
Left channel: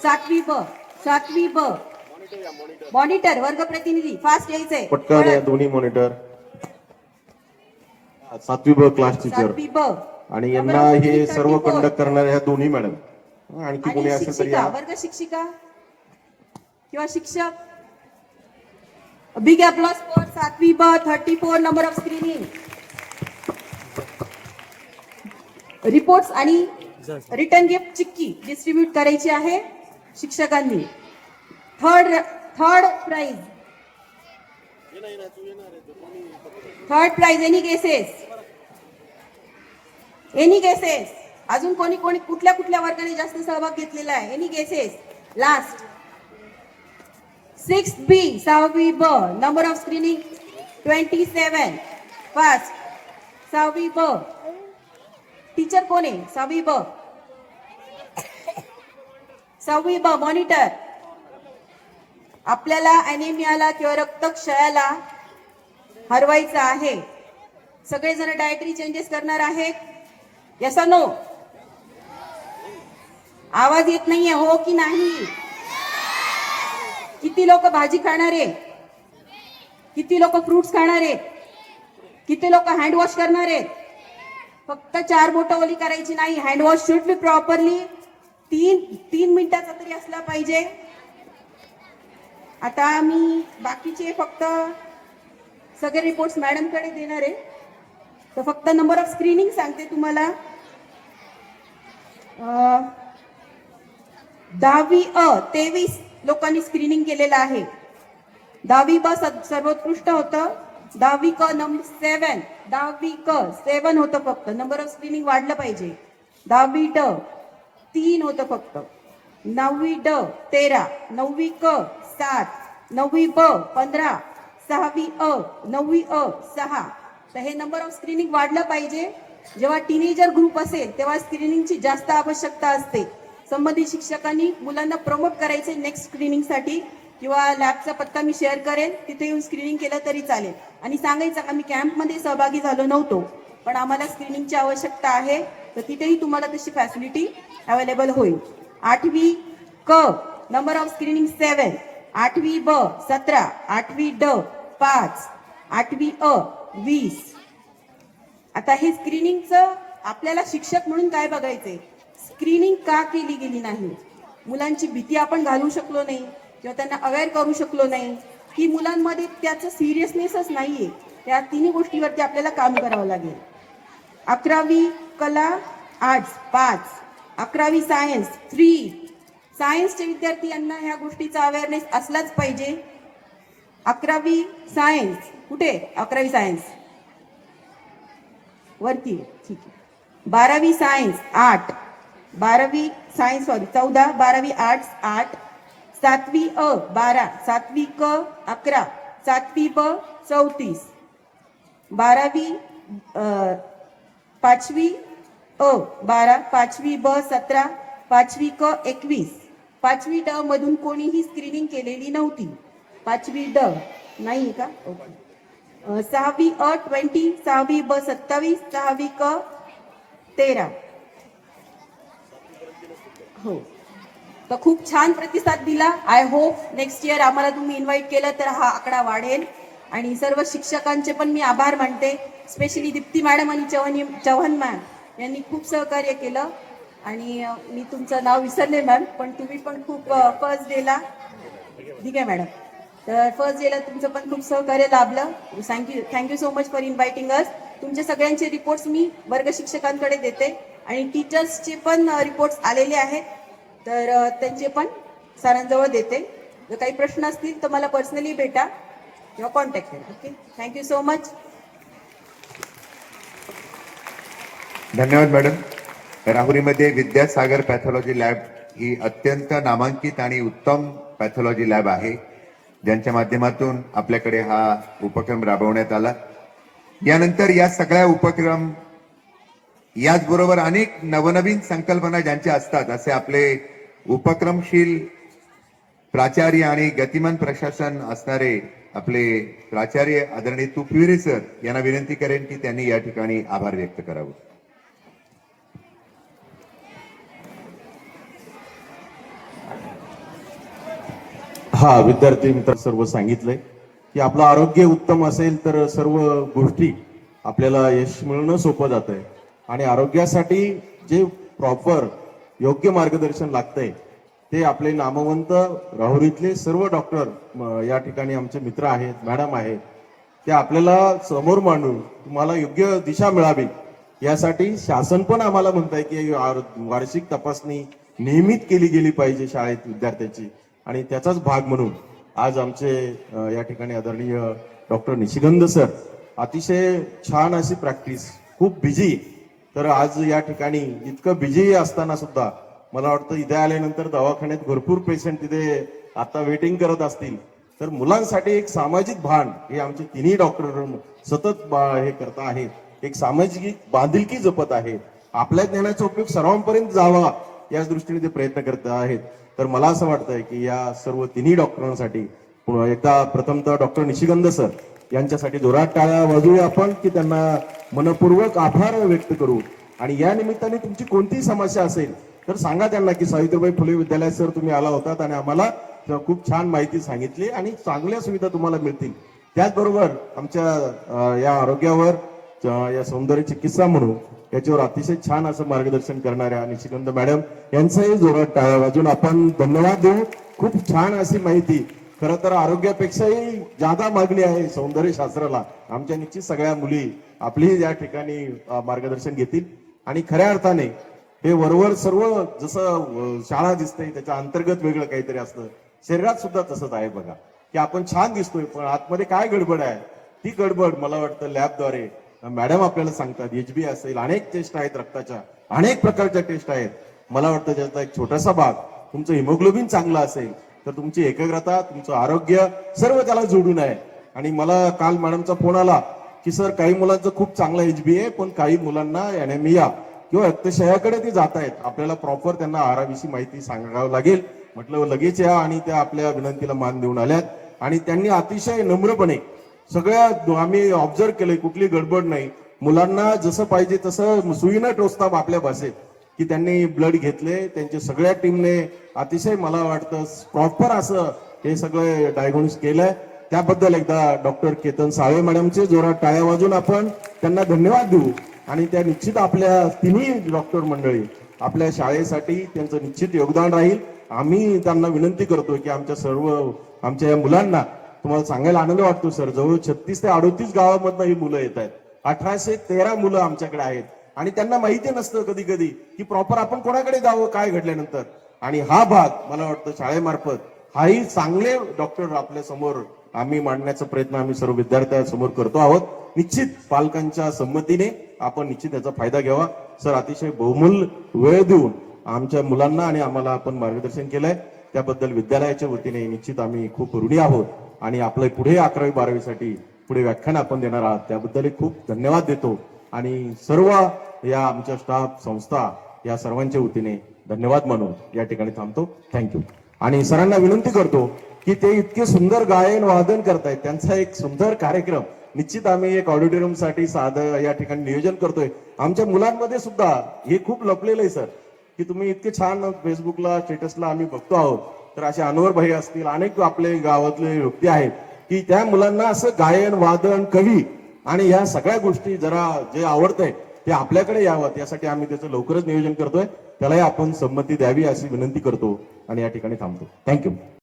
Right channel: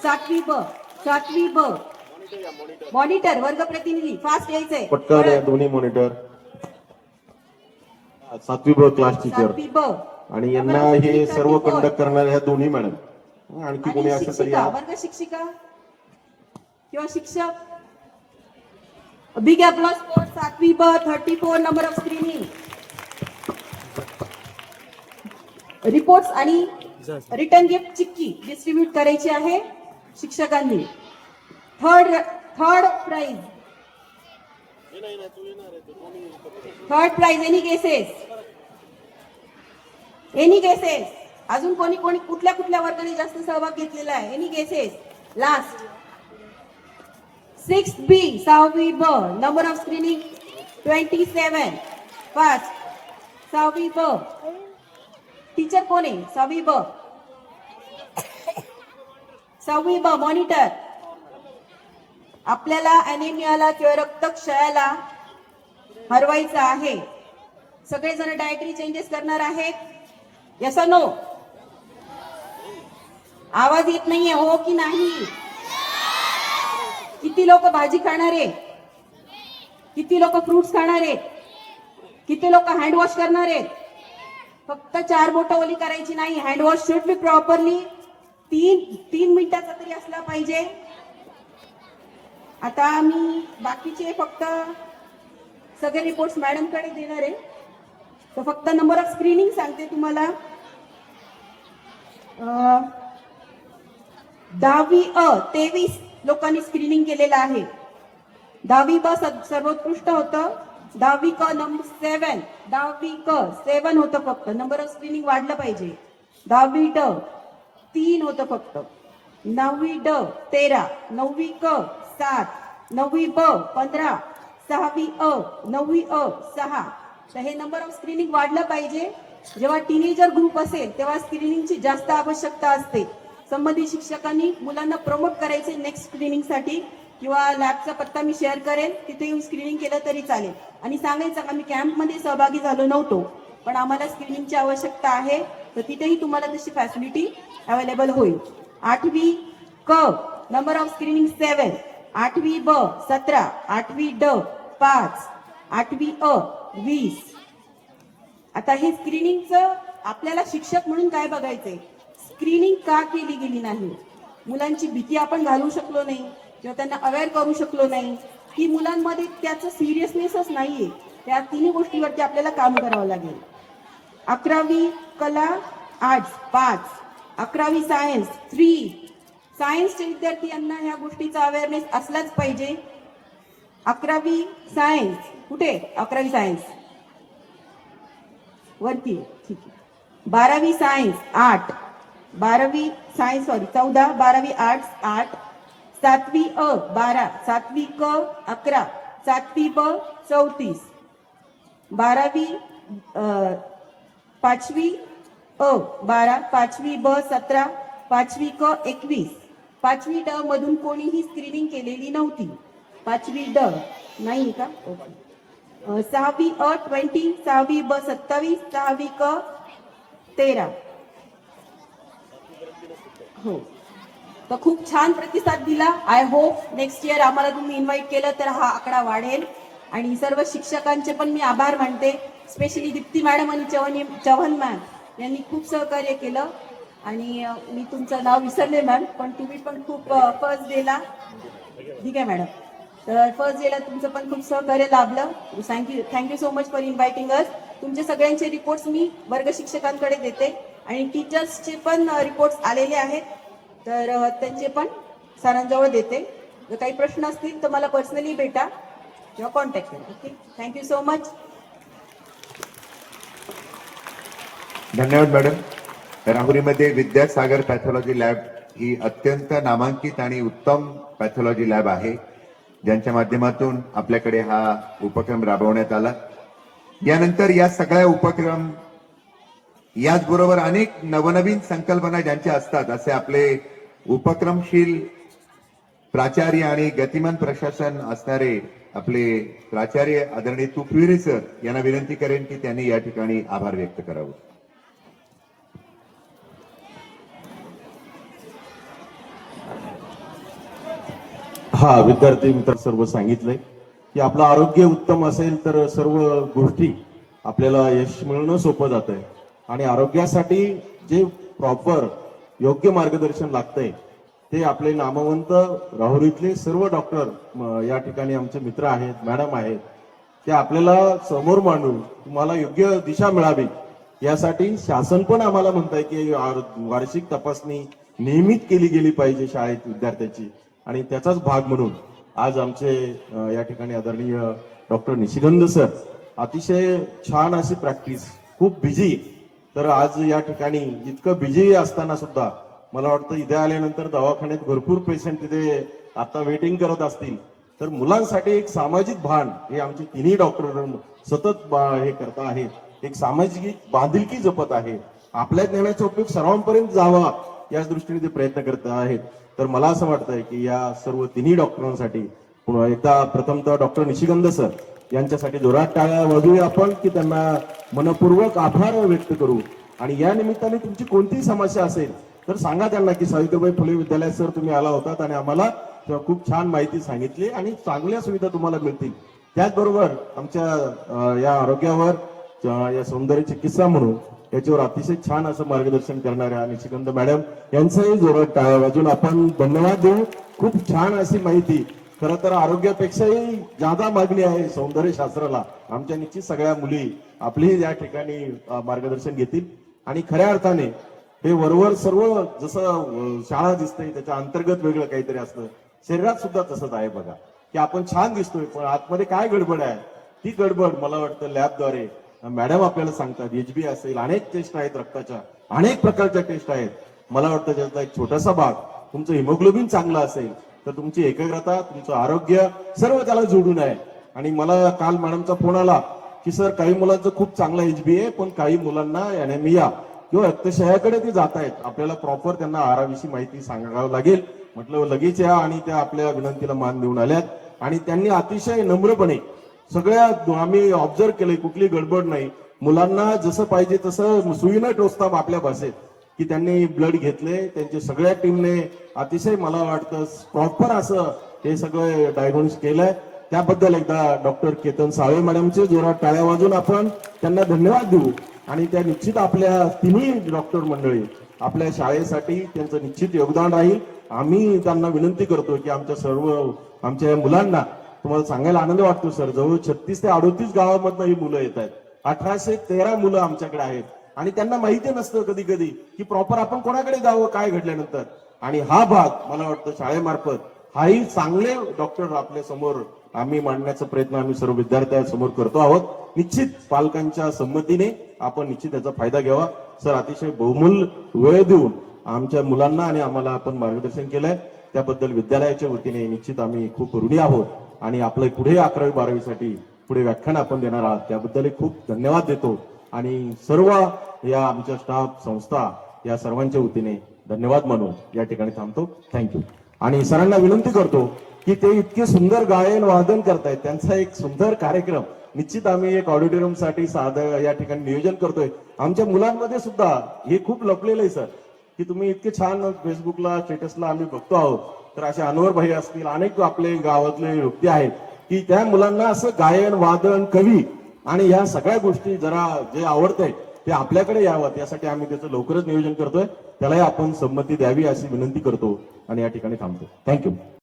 7वी ब मॉनिटर वर्ग प्रतिनिधी फास्ट यायचंय. पटकन या दोन्ही मॉनिटर. 7वी ब क्लास टीचर 7वी ब आणि यांना हे सर्व कंडक्ट करणाऱ्या ह्या दोन्ही मॅडम. आणखी कोणी आणि असेल तरी शिक्षिका, या. वर्ग शिक्षिका किंवा शिक्षक. बिग अप्लॉज फॉर 7वी ब 34 नंबर ऑफ स्क्रीनिंग. रिपोर्ट्स आणि रिटर्न गिफ्ट चिक्की डिस्ट्रीब्यूट करायची आहे शिक्षकांनी. Third prize. Any cases? अजून कोणी कुठल्या वर्गाने जास्त सहभाग घेतलेला आहे? Any cases? Last 6th B 6वी ब नंबर ऑफ स्क्रीनिंग 27. फास्ट. 6वी ब टीचर कोण आहे? 6वी ब मॉनिटर. आपल्याला अॅनिमियाला किंवा रक्तक्षयाला हरवायचं आहे. सगळेजण डायटरी चेंजेस करणार आहेत. Yes no? आवाज येत नाहीये. हो की नाही? किती किती लोक भाजी खाणार आहे, किती लोक फ्रुट्स खाणार आहे, किती लोक हँडवॉश करणार आहे. फक्त 4 बोटं ओली करायची नाही. हँडवॉश शुड बी प्रॉपरली 3 मिनिटाचा तरी असला पाहिजे. आता मी बाकीचे फक्त सगळे रिपोर्ट्स मॅडमकडे देणार आहे. तर फक्त नंबर ऑफ स्क्रीनिंग सांगते तुम्हाला. 10वी अ 23 लोकांनी स्क्रीनिंग केलेलं आहे. 10वी ब सर्वोत्कृष्ट होतं. 10वी क नंबर 7, 10वी क 7 होतं फक्त. नंबर ऑफ स्क्रीनिंग वाढलं पाहिजे. 10वी ड 3 होतं फक्त. 9वी ड 13, 9वी क 7, 9वी ब 15, 6वी अ 9वी अ 6. तर हे नंबर ऑफ स्क्रीनिंग वाढलं पाहिजे. जेव्हा टीनेजर ग्रुप असेल तेव्हा स्क्रीनिंगची जास्त आवश्यकता असते. संबंधित शिक्षकांनी मुलांना प्रमोट करायचे नेक्स्ट स्क्रीनिंगसाठी, किंवा लॅबचा पत्ता मी शेअर करेन, तिथे येऊन स्क्रीनिंग केलं तरी चालेल. आणि सांगायचं का मी कॅम्पमध्ये सहभागी झालो नव्हतो, पण आम्हाला स्क्रीनिंगची आवश्यकता आहे, तर तिथेही तुम्हाला तशी फॅसिलिटी अवेलेबल होईल. 8वी क नंबर ऑफ स्क्रीनिंग 7, 8वी ब 17, 8वी ड 5, 8वी अ 20. आता हे स्क्रीनिंगचं आपल्याला शिक्षक म्हणून काय बघायचंय, स्क्रीनिंग का केली गेली नाही. मुलांची भीती आपण घालू शकलो नाही किंवा त्यांना अवेअर करू शकलो नाही, की मुलांमध्ये त्याचं सिरियसनेसच नाहीये. त्या तिन्ही गोष्टीवरती आपल्याला काम करावं लागेल. 11वी कला आर्ट्स 5, 11वी सायन्स 3. सायन्सचे विद्यार्थी यांना ह्या गोष्टीचा अवेअरनेस असलाच पाहिजे. 11वी सायन्स कुठे, 11वी सायन्स वरती, ठीक आहे. 12वी सायन्स 8, 12वी सायन्स 14, 12वी आर्ट्स 8, 7वी अ 12, 7वी क 11, 7वी ब 34, 12वी 5वी अ 12, 5वी ब 17, 5वी क 21. 5वी ड मधून कोणीही स्क्रीनिंग केलेली नव्हती. 5वी ड नाही का, 6वी अ 20, 6वी ब 27, 6वी क 13. हो, तर खूप छान प्रतिसाद दिला. आय होप नेक्स्ट इयर आम्हाला तुम्ही इन्व्हाइट केलं तर हा आकडा वाढेल. आणि सर्व शिक्षकांचे पण मी आभार मानते. स्पेशली दीप्ती मॅडम आणि चव्हाण मॅम यांनी खूप सहकार्य केलं. आणि मी तुमचं नाव विसरले मॅम, पण तुम्ही पण खूप फर्स्ट डेला, ठीक आहे मॅडम, तर फर्स्ट डेला तुमचं पण खूप सहकार्य लाभलं. Thank you so much for inviting us. तुमचे सगळ्यांचे रिपोर्ट्स मी वर्ग शिक्षकांकडे देते आणि टीचर्सचे पण रिपोर्ट्स आलेले आहेत, तर त्यांचे पण सरांजवळ देते. जर काही प्रश्न असतील तर मला पर्सनली भेटा किंवा कॉन्टॅक्ट करा. Okay, thank you so much. धन्यवाद मॅडम. राहुरीमध्ये विद्यासागर पॅथॉलॉजी लॅब ही अत्यंत नामांकित आणि उत्तम पॅथॉलॉजी लॅब आहे, ज्यांच्या माध्यमातून आपल्याकडे हा उपक्रम राबवण्यात आला. यानंतर या सगळ्या उपक्रम याचबरोबर अनेक नवनवीन संकल्पना ज्यांच्या असतात, असे आपले उपक्रमशील प्राचार्य आणि गतिमान प्रशासन असणारे आपले प्राचार्य आदरणीय तुकविरे सर यांना विनंती करेन की त्यांनी या ठिकाणी आभार व्यक्त करावं. हा, विद्यार्थी मित्र सर्व सांगितलंय की आपलं आरोग्य उत्तम असेल तर सर्व गोष्टी आपल्याला यश मिळणं सोपं जात आहे. आणि आरोग्यासाठी जे प्रॉपर योग्य मार्गदर्शन लागतंय ते आपले नामवंत राहुरीतले सर्व डॉक्टर या ठिकाणी आमचे मित्र आहेत, मॅडम आहेत, ते आपल्याला समोर मांडून तुम्हाला योग्य दिशा मिळावी यासाठी शासन पण आम्हाला म्हणताय की वार्षिक तपासणी नियमित केली गेली पाहिजे शाळेत विद्यार्थ्याची. आणि त्याचाच भाग म्हणून आज आमचे या ठिकाणी आदरणीय डॉक्टर निशिगंध सर, अतिशय छान अशी प्रॅक्टिस, खूप बिझी. तर आज या ठिकाणी इतकं बिझी असताना सुद्धा मला वाटतं इथे आल्यानंतर दवाखान्यात भरपूर पेशंट तिथे आता वेटिंग करत असतील, तर मुलांसाठी एक सामाजिक भान हे आमचे तिन्ही डॉक्टर सतत हे करत आहेत. एक सामाजिक बांधिलकी जपत आहेत. आपल्या ज्ञानाचा उपयोग सर्वांपर्यंत जावा याच दृष्टीने ते प्रयत्न करत आहेत. तर मला असं वाटतंय की या सर्व तिन्ही डॉक्टरांसाठी पुन्हा एकदा प्रथमतः डॉक्टर निशिगंध सर यांच्यासाठी जोरात टाळ्या वाजवूया आपण, की त्यांना मनपूर्वक आभार व्यक्त करू. आणि या निमित्ताने तुमची कोणतीही समस्या असेल तर सांगा त्यांना की सावित्रीबाई फुले विद्यालयात सर तुम्ही आला होतात आणि आम्हाला खूप छान माहिती सांगितली आणि चांगल्या सुविधा तुम्हाला मिळतील. त्याचबरोबर आमच्या या आरोग्यावर या सौंदर्य चिकित्सा म्हणून याच्यावर अतिशय छान असं मार्गदर्शन करणाऱ्या निशिकांत मॅडम यांचंही जोरात टाळ्या वाजून आपण धन्यवाद देऊ. खूप छान अशी माहिती. खरं तर आरोग्यापेक्षाही जादा मागणी आहे सौंदर्य शास्त्राला. आमच्या निश्चित सगळ्या मुली आपली या ठिकाणी मार्गदर्शन घेतील आणि खऱ्या अर्थाने हे वरवर सर्व जसं शाळा दिसते त्याच्या अंतर्गत वेगळं काहीतरी असतं. शरीरात सुद्धा तसंच आहे बघा, की आपण छान दिसतोय पण आतमध्ये काय गडबड आहे ती गडबड मला वाटतं लॅबद्वारे मॅडम आपल्याला सांगतात. एचबी असेल, अनेक टेस्ट आहेत रक्ताच्या, अनेक प्रकारच्या टेस्ट आहेत. मला वाटतं त्याचा एक छोटासा भाग तुमचं हिमोग्लोबिन चांगलं असेल तर तुमची एकाग्रता, तुमचं आरोग्य सर्व त्याला जोडून आहे. आणि मला काल मॅडमचा फोन आला की सर काही मुलांचं खूप चांगलं एचबी आहे पण काही मुलांना अॅनेमिया किंवा रक्तक्षयाकडे ते जात आहेत. आपल्याला प्रॉपर त्यांना आहाराविषयी माहिती सांगावं लागेल. म्हटलं लगेच या आणि त्या आपल्या विनंतीला मान देऊन आल्यात आणि त्यांनी अतिशय नम्रपणे सगळ्या आम्ही ऑब्झर्व केले, कुठली गडबड नाही. मुलांना जसं पाहिजे तसं सुईनं टोचतात आपल्या भाषेत की त्यांनी ब्लड घेतले. त्यांच्या सगळ्या टीमने अतिशय मला वाटतं प्रॉपर असं हे सगळं डायग्नोसिस केलंय. त्याबद्दल एकदा डॉक्टर केतन साळे मॅडमचे जोरात टाळ्या वाजून आपण त्यांना धन्यवाद देऊ. आणि त्या निश्चित आपल्या तिन्ही डॉक्टर मंडळी आपल्या शाळेसाठी त्यांचं निश्चित योगदान राहील. आम्ही त्यांना विनंती करतो की आमच्या या मुलांना तुम्हाला सांगायला आनंद वाटतो सर, जवळ 36 ते 38 गावामधनं ही मुलं येत आहेत. 1813 मुलं आमच्याकडे आहेत आणि त्यांना माहिती नसतं कधी कधी की प्रॉपर आपण कोणाकडे जावं काय घडल्यानंतर. आणि हा भाग मला वाटतं शाळेमार्फत हाही चांगले डॉक्टर आपल्या समोर आम्ही मांडण्याचा प्रयत्न आम्ही सर्व विद्यार्थ्यांसमोर करतो आहोत. निश्चित पालकांच्या संमतीने आपण निश्चित याचा फायदा घ्यावा. सर अतिशय बहुमूल्य वेळ देऊन आमच्या मुलांना आणि आम्हाला आपण मार्गदर्शन केलंय त्याबद्दल विद्यालयाच्या वतीने निश्चित आम्ही खूप ऋणी आहोत. आणि आपलं पुढे 11वी 12वी पुढे व्याख्यान आपण देणार आहात त्याबद्दल खूप धन्यवाद देतो. आणि सर्व या आमच्या स्टाफ संस्था या सर्वांच्या वतीने धन्यवाद म्हणून या ठिकाणी थांबतो. थँक्यू. आणि सरांना विनंती करतो की ते इतके सुंदर गायन वादन करतायत, त्यांचा एक सुंदर कार्यक्रम निश्चित आम्ही एक ऑडिटोरियम साठी साधं या ठिकाणी नियोजन करतोय. आमच्या मुलांमध्ये सुद्धा हे खूप लपलेलं आहे सर, की तुम्ही इतके छान फेसबुकला स्टेटसला आम्ही बघतो आहोत. तर असे अनवर भाई असतील, अनेक आपले गावातले व्यक्ती आहेत की त्या मुलांना असं गायन वादन कवी आणि या सगळ्या गोष्टी जरा जे आवडतंय ते आपल्याकडे यावं यासाठी आम्ही त्याचं लवकरच नियोजन करतोय. त्यालाही आपण संमती द्यावी अशी विनंती करतो आणि या ठिकाणी थांबतो. थँक्यू.